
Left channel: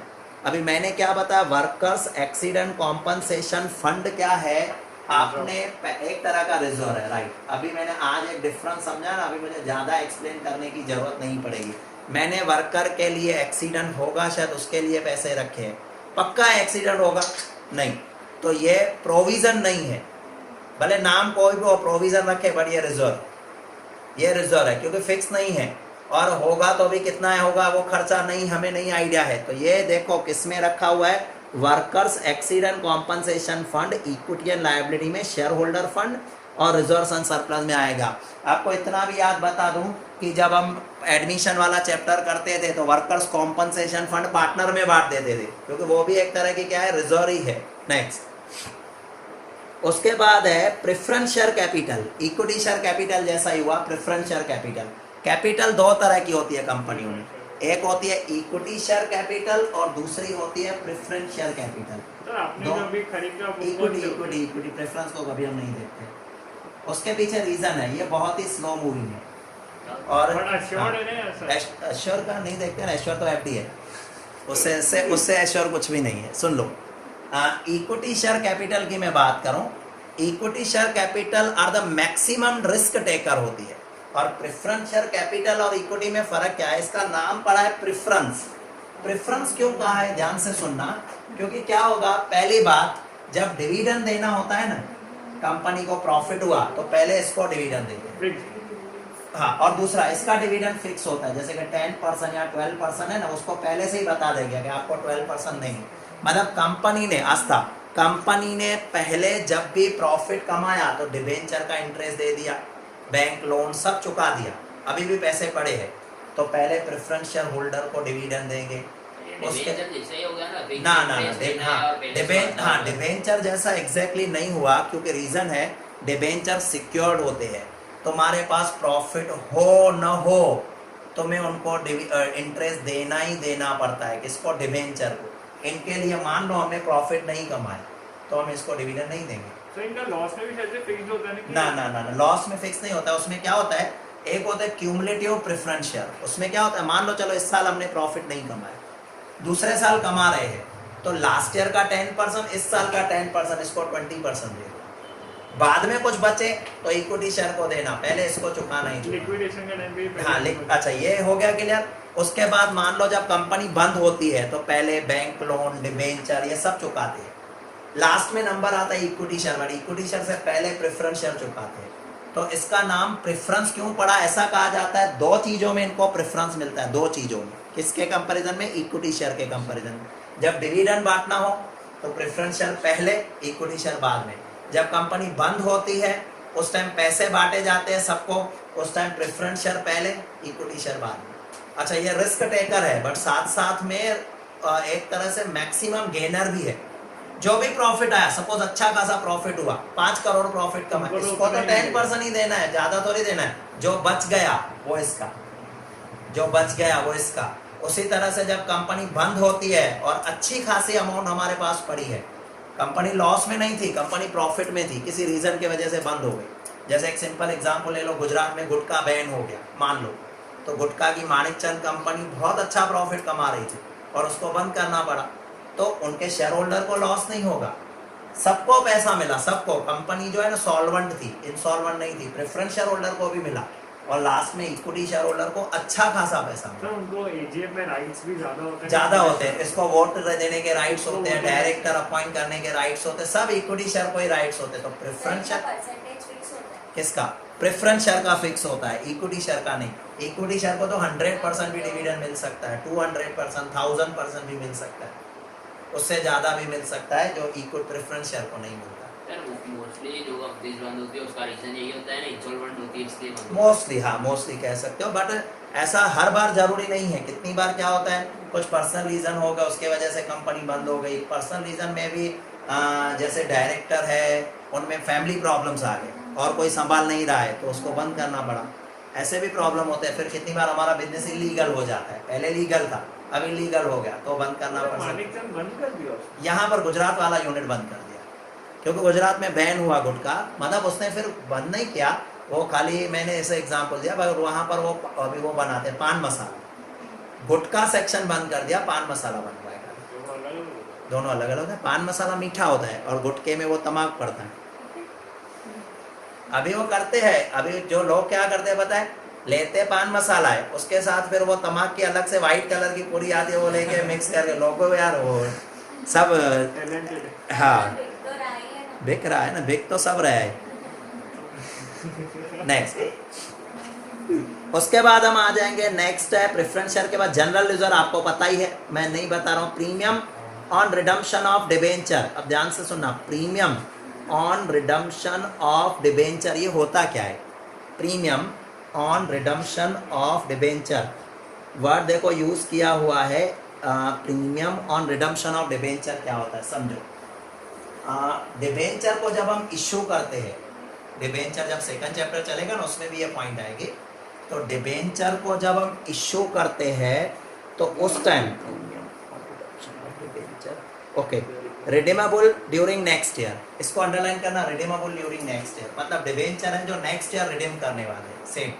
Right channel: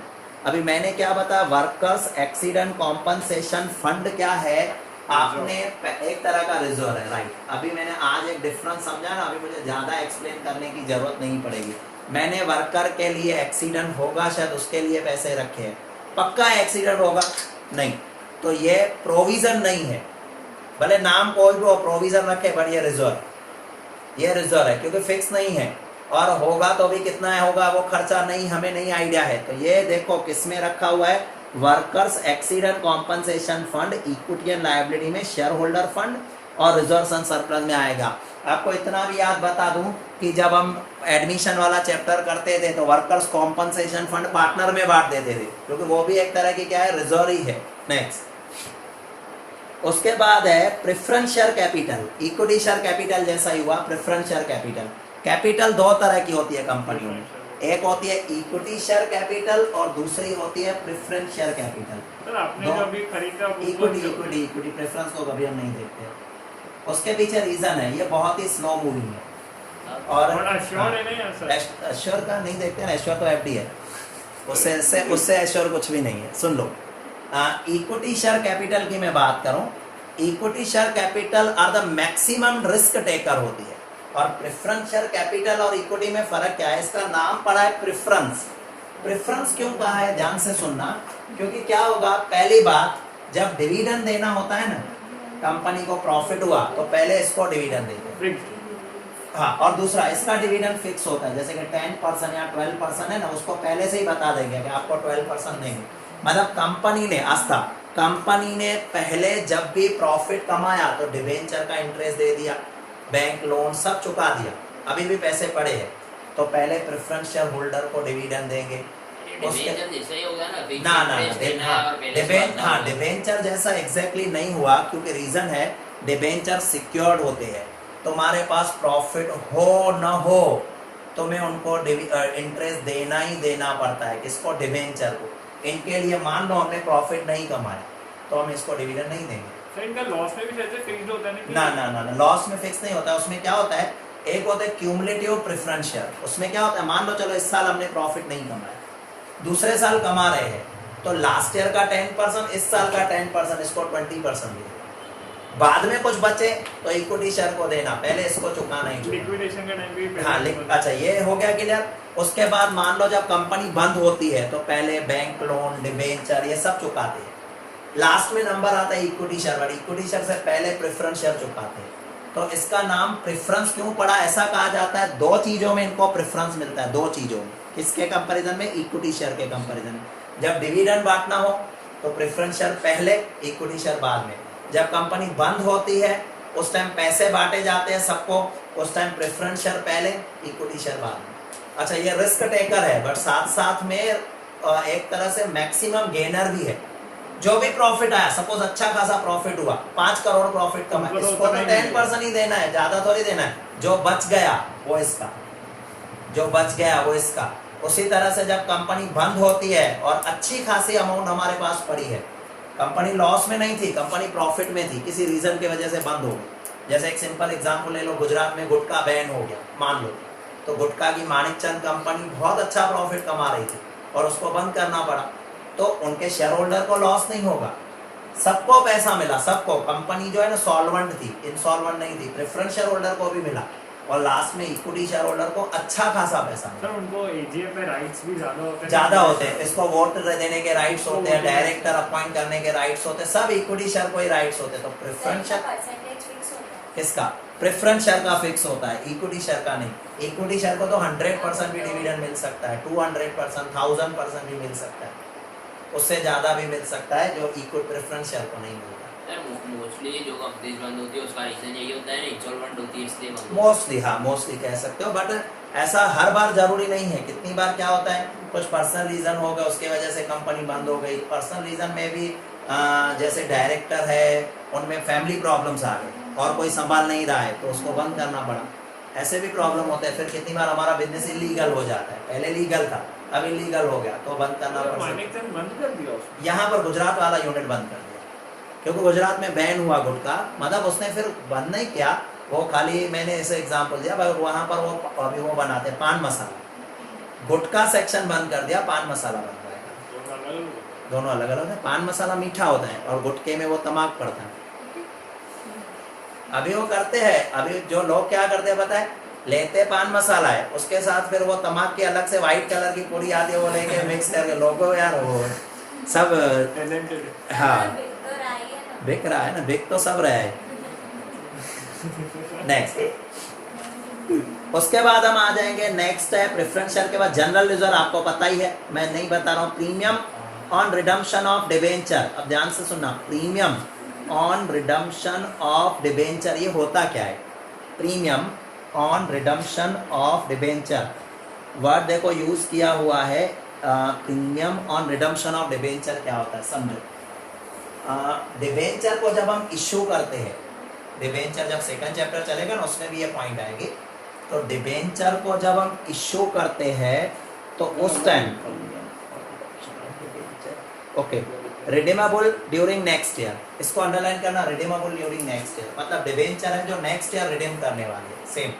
अभी मैंने क्या बताया, वर्कर्स एक्सीडेंट कॉम्पनसेशन फंड क्या है? आपने एक तरह का रिजर्व है, राइट। अभी मैंने आज एक डिफरेंस समझा ना, अभी मुझे ज्यादा एक्सप्लेन करने की जरूरत नहीं पड़ेगी। मैंने वर्कर के लिए एक्सीडेंट होगा शायद उसके लिए पैसे रखे हैं, पक्का एक्सीडेंट होगा नहीं, तो ये प्रोविजन नहीं है। भले नाम कोई भी हो, प्रोविजन रखे, बट ये रिजर्व है क्योंकि फिक्स नहीं है, और होगा तो भी कितना होगा वो खर्चा नहीं, हमें नहीं आइडिया है। तो ये देखो किस में रखा हुआ है, workers accident compensation fund, equity and liability में शेयर होल्डर फंड, और रिजर्व एंड सरप्लस में आएगा। आपको इतना भी याद बता दूं कि जब हम एडमिशन वाला चैप्टर करते थे तो वर्कर्स कॉम्पनसेशन फंड पार्टनर में बांट देते थे, क्योंकि वो भी एक तरह की क्या है, रिजर्व ही है। नेक्स्ट, उसके बाद है preference share capital. Equity share capital जैसा ही हुआ प्रेफरेंस शेयर कैपिटल। कैपिटल 2 तरह की होती है कंपनियों में, एक होती है इक्विटी शेयर कैपिटल और दूसरी होती है प्रेफरेंस शेयर कैपिटल। सर आपने जो अभी खरीदा वो कौन सा? इक्विटी प्रेफरेंस को कभी हम नहीं देखते। उसके पीछे रीजन है, ये बहुत ही स्लो मूविंग है। और एश्योर्ड है नहीं सर? एश्योर का नहीं देखते ना, एश्योर तो एफडी है, उससे एश्योर कुछ भी नहीं है। सुन लो, इक्विटी शेयर कैपिटल की मैं बात करूं, equity share capital R the maximum risk taker होती है, और प्रेफरेंस शेयर कैपिटल और इक्विटी में फर्क क्या है? इसका नाम पड़ा है प्रेफरेंस। प्रेफरेंस क्यों कहा है, ध्यान से सुनना। क्योंकि क्या होगा, पहली बात जब डिविडेंड देना होता है ना, कंपनी को प्रॉफिट हुआ तो पहले इसको डिविडेंड देंगे। फिक्स हाँ, और दूसरा इसका डिविडेंड फिक्स होता है, जैसे कि 10% या 12% है ना, उसको पहले से ही बता देंगे कि आपको 12% देंगे। मतलब कंपनी ने आस्था कंपनी ने पहले जब भी प्रॉफिट कमाया तो डिवेंचर का इंटरेस्ट दे दिया, बैंक लोन सब चुका दिया, अभी भी पैसे पड़े हैं, तो पहले प्रेफरेंस शेयर होल्डर को डिविडेंड देंगे। डिवेंचर जैसा ही होगा ना, फिक्स ना ना इंटरेस्ट देना है और पहले से बात करना है। डिबेंचर जैसा एग्जैक्टली नहीं हुआ, क्योंकि रीजन है डिबेंचर सिक्योर्ड होते हैं, तुम्हारे पास प्रॉफिट हो न हो तुम्हें उनको इंटरेस्ट देना ही देना पड़ता है। किसको? डिबेंचर को। इनके लिए मान लो हमने प्रॉफिट नहीं कमाया तो हम इसको डिविडेंड नहीं देंगे। तो इनका लॉस में भी शायद फिक्स्ड होता है ना कि ना ना ना, ना लॉस में फिक्स नहीं होता। उसमें क्या होता है, एक होता है क्यूमुलेटिव प्रेफरेंस शेयर, उसमें क्या होता है, मान लो चलो इस साल हमने प्रॉफिट नहीं कमाया, दूसरे साल कमा रहे हैं, तो लास्ट ईयर का 10%, इस साल का 10%, इसको 20% दे, बाद में कुछ बचे तो इक्विटी शेयर को देना, पहले इसको चुकाना ही चुकाना। लिक्विडेशन का टाइम पे भी हाँ, payment अच्छा ये हो गया क्लियर। उसके बाद मान लो जब कंपनी बंद होती है तो पहले बैंक लोन, डिबेंचर ये सब चुकाते हैं, लास्ट में नंबर आता है इक्विटी शेयर वाली, इक्विटी शेयर से पहले प्रेफरेंस शेयर चुकाते हैं। तो इसका नाम प्रेफरेंस क्यों पड़ा, ऐसा कहा जाता है, दो चीजों में इनको प्रेफरेंस मिलता है, दो चीजों में। किसके कंपैरिजन में? इक्विटी शेयर के कंपैरिजन में। जब डिविडेंड बांटना हो तो प्रेफरेंस शेयर पहले, इक्विटी शेयर बाद में। जब कंपनी बंद होती है उस टाइम पैसे बांटे जाते हैं सबको, उस टाइम प्रेफरेंस शेयर पहले, इक्विटी शेयर बाद में। अच्छा, ये रिस्क टेकर है, बट साथ साथ में एक तरह से मैक्सिमम गेनर भी है। जो भी प्रॉफिट आया, सपोज अच्छा खासा प्रॉफिट हुआ, 5 करोड़ प्रॉफिट कमा, उनको तो इसको तो उतना ही 10% ही देना है, ज्यादा तो नहीं देना है। जो बच गया वो इसका, जो बच गया वो इसका। उसी तरह से जब कंपनी बंद होती है और अच्छी खासी अमाउंट हमारे पास पड़ी है, कंपनी लॉस में नहीं थी, कंपनी प्रॉफिट में थी, किसी रीजन की वजह से बंद हो गई। जैसे एक सिंपल एग्जांपल ले लो, गुजरात में गुटखा बैन हो गया मान लो, तो गुटखा की माणिकचंद कंपनी बहुत अच्छा प्रॉफिट कमा रही थी और उसको बंद करना पड़ा, तो उनके शेयर होल्डर को लॉस नहीं होगा, सबको पैसा मिला, सबको। कंपनी जो है ना सॉल्वेंट थी, इंसॉल्वेंट नहीं थी, प्रेफरेंस शेयर होल्डर को भी मिला, और लास्ट में इक्विटी शेयर होल्डर को अच्छा खासा पैसा। सर उनको एजीएम में राइट्स भी ज्यादा होते हैं, ज्यादा होते हैं, इसको वोट देने के राइट्स होते हैं, डायरेक्टर अपॉइंट करने के राइट्स होते हैं, सब इक्विटी शेयर को ही राइट्स होते हैं। तो प्रेफरेंस शेयर परसेंटेज फिक्स होता है। किसका? प्रेफरेंस शेयर का फिक्स होता है, इक्विटी शेयर का नहीं। इक्विटी शेयर को तो 100% भी डिविडेंड मिल सकता है, 200%, 1000% भी मिल सकता है, उससे ज्यादा भी मिल सकता है, जो इक्विटी प्रेफरेंस शेयर को नहीं मिलता। मोस्टली जो कंपनीज बंद होती है उसका रीजन यही होता है ना, इंसॉल्वेंट होती है इसलिए बंद होती है। मोस्टली, हाँ मोस्टली कह सकते हो, बट ऐसा हर बार जरूरी नहीं है। कितनी बार क्या होता है, कुछ पर्सनल रीजन हो गया, उसके वजह से कंपनी बंद हो गई। पर्सनल रीजन में भी जैसे डायरेक्टर है, उनमें फैमिली प्रॉब्लम्स आ गए और कोई संभाल नहीं रहा है तो उसको बंद करना पड़ा, ऐसे भी प्रॉब्लम होते हैं। फिर कितनी बार हमारा बिजनेस इलीगल हो जाता है, पहले लीगल था अभी लीगल हो गया तो बंद करना पड़ सकता है। मानिकचंद बंद कर दिया उसको। यहाँ पर गुजरात वाला यूनिट बंद कर दिया, क्योंकि गुजरात में बैन हुआ गुटखा, मतलब उसने फिर बंद नहीं किया, वो खाली मैंने ऐसे एग्जांपल दिया, पर वहां पर वो अभी वो बनाते हैं पान मसाला, गुटखा सेक्शन बंद कर दिया, पान मसाला बन पाएगा। दोनों अलग अलग है, पान मसाला मीठा होता है और गुटके में वो तमाक पड़ता है। अभी वो करते हैं, अभी जो लोग क्या करते हैं पता है, लेते पान मसाला है, उसके साथ फिर वो तमाक की अलग से व्हाइट कलर की पूरी आती है, वो लेके मिक्स करके लोगों यार वो सब हाँ बिक रहा है ना, बिक तो सब रहा है। नेक्स्ट, उसके बाद हम आ जाएंगे, नेक्स्ट है प्रेफरेंस शेयर के बाद जनरल रिजर्व, आपको पता ही है, मैं नहीं बता रहा हूँ। Premium on redemption of debenture, अब ध्यान से सुनना, premium on redemption of debenture, ये होता क्या है? Premium on redemption of debenture, word देखो यूज किया हुआ है, premium on redemption of debenture क्या होता है समझो। डिबेंचर को जब हम इश्यू करते हैं, डिबेंचर जब सेकंड चैप्टर चलेगा ना उसमें भी ये पॉइंट आएगी, तो डिबेंचर को जब हम इश्यू करते हैं तो उस time okay, redeemable during next year, इसको अंडरलाइन करना, रिडीमेबल ड्यूरिंग नेक्स्ट ईयर, मतलब डिबेंचर है जो नेक्स्ट ईयर रिडीम करने वाले हैं, सेम।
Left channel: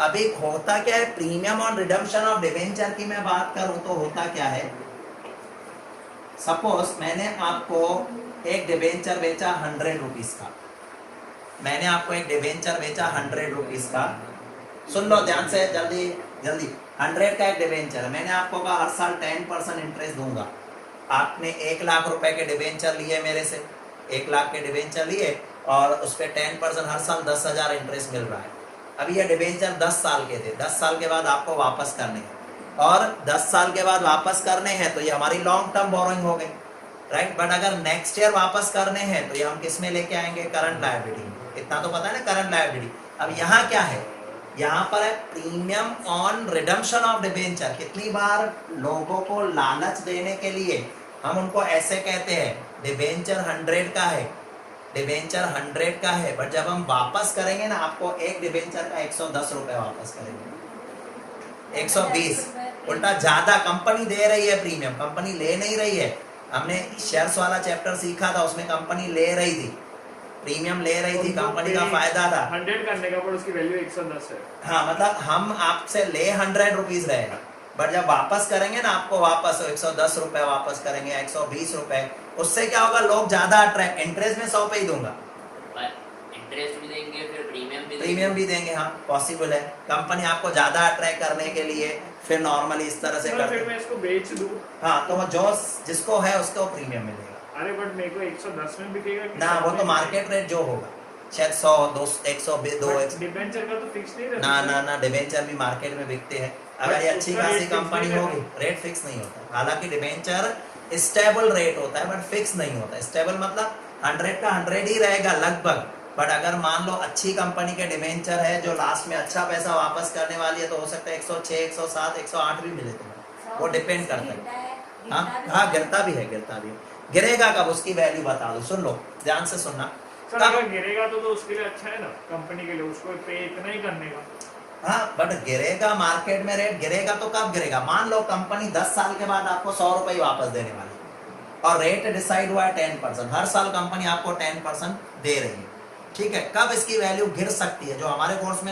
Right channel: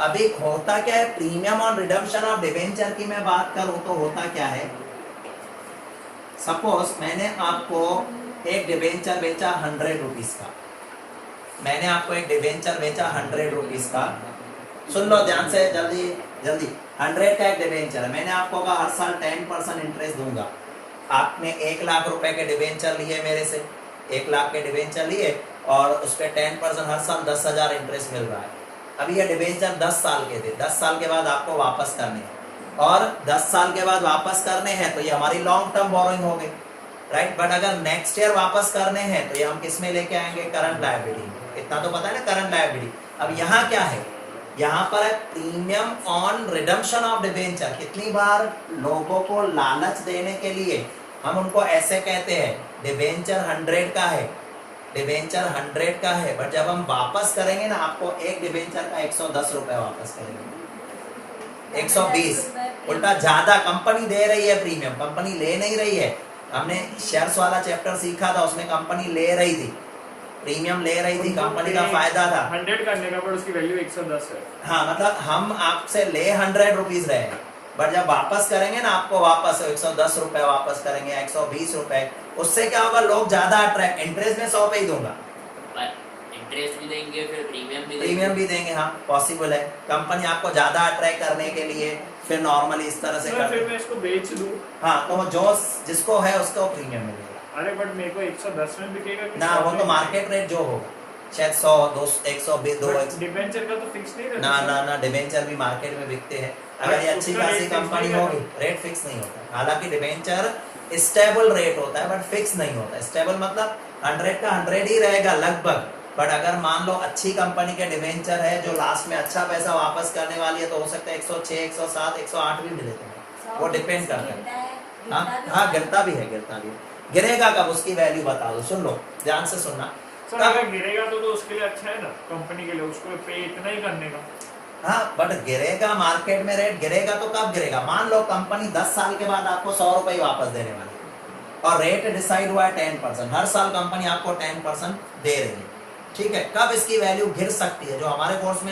अभी होता क्या है, प्रीमियम और रिडम्पशन ऑफ डिबेंचर की मैं बात करूं तो होता क्या है, सपोज मैंने आपको एक डिबेंचर बेचा 100 रुपीज का, मैंने आपको एक डिबेंचर बेचा 100 रुपीज का, सुन लो ध्यान से, जल्दी जल्दी, 100 का एक डिबेंचर, मैंने आपको कहा हर साल 10% इंटरेस्ट दूंगा, आपने 1 लाख रुपए के डिबेंचर लिए मेरे से, 1 लाख के डिबेंचर लिए और उस पर 10% हर साल 10,000 इंटरेस्ट मिल रहा है। अभी ये डिबेंचर 10 साल के थे, 10 साल के बाद आपको वापस करने हैं और 10 साल के बाद वापस करने हैं तो ये हमारी लॉन्ग टर्म बोरोइंग हो गई, राइट। बट अगर नेक्स्ट ईयर वापस करने हैं तो ये हम किस में लेके आएंगे, करंट लायबिलिटी। इतना तो पता है ना, करंट लायबिलिटी। अब यहाँ क्या है, यहाँ पर है premium on redemption of debenture. कितनी बार लोगों को लालच देने के लिए हम उनको ऐसे कहते हैं डिबेंचर 100 का है, डिबेंचर 100 का है, बट जब हम वापस करेंगे ना आपको एक डिबेंचर का 110 रुपए वापस करेंगे, 120। उल्टा ज्यादा कंपनी दे रही है प्रीमियम, कंपनी ले नहीं रही है। हमने शेयर्स वाला चैप्टर सीखा था, उसमें कंपनी ले रही थी, प्रीमियम ले रही थी, कंपनी का फायदा था 100 करने का, पर उसकी वैल्यू 110 है। हाँ, मतलब हम आपसे ले 100 रुपीज रहे हैं, बट जब वापस करेंगे ना आपको वापस 110 रुपए वापस करेंगे, 120 रुपए। उससे क्या होगा, लोग ज्यादा अट्रैक्ट, इंटरेस्ट में 100 पे ही दूंगा, इंटरेस्ट भी देंगे, फिर प्रीमियम भी देंगे। हाँ, पॉसिबल है। कंपनी आपको ज्यादा अट्रैक्ट करने के लिए फिर नॉर्मली इस तरह से तो फिर मैं इसको बेच दूं। हाँ, तो जो जिसको है उसको प्रीमियम मिलेगा। अरे बट मेरे को 110 में बिकेगा कि ना, वो तो मार्केट रेट जो होगा, शायद 100, 200, 102। डिबेंचर का तो फिक्स नहीं रहता। ना, डिबेंचर भी मार्केट में बिकते हैं। अगर ये अच्छी खासी कंपनी होगी, रेट फिक्स नहीं होता है। हालांकि डिबेंचर स्टेबल रेट होता है बट फिक्स नहीं होता। स्टेबल मतलब 100 का 100 ही रहेगा लगभग, बट अगर मान लो अच्छी कंपनी के डिबेंचर है जो लास्ट में अच्छा पैसा वापस करने वाली है तो हो सकता है 106, 107, 108 भी मिले थे। वो डिपेंड करता है। हाँ, गिरता भी है। गिरेगा कब, उसकी वैल्यू बता दो। सुन लो, ध्यान से सुनना। सर अगर गिरेगा तो उसके लिए अच्छा है ना, कंपनी के लिए, उसको पे इतना ही करने का। हाँ, बट गिरेगा, मार्केट में रेट गिरेगा तो कब गिरेगा, मान लो कंपनी 10 साल के बाद आपको 100 रुपए वापस देने वाली है और रेट डिसाइड हुआ है 10%, हर साल कंपनी आपको 10% दे रही है, ठीक है। कब इसकी वैल्यू गिर सकती है, जो हमारे कोर्स में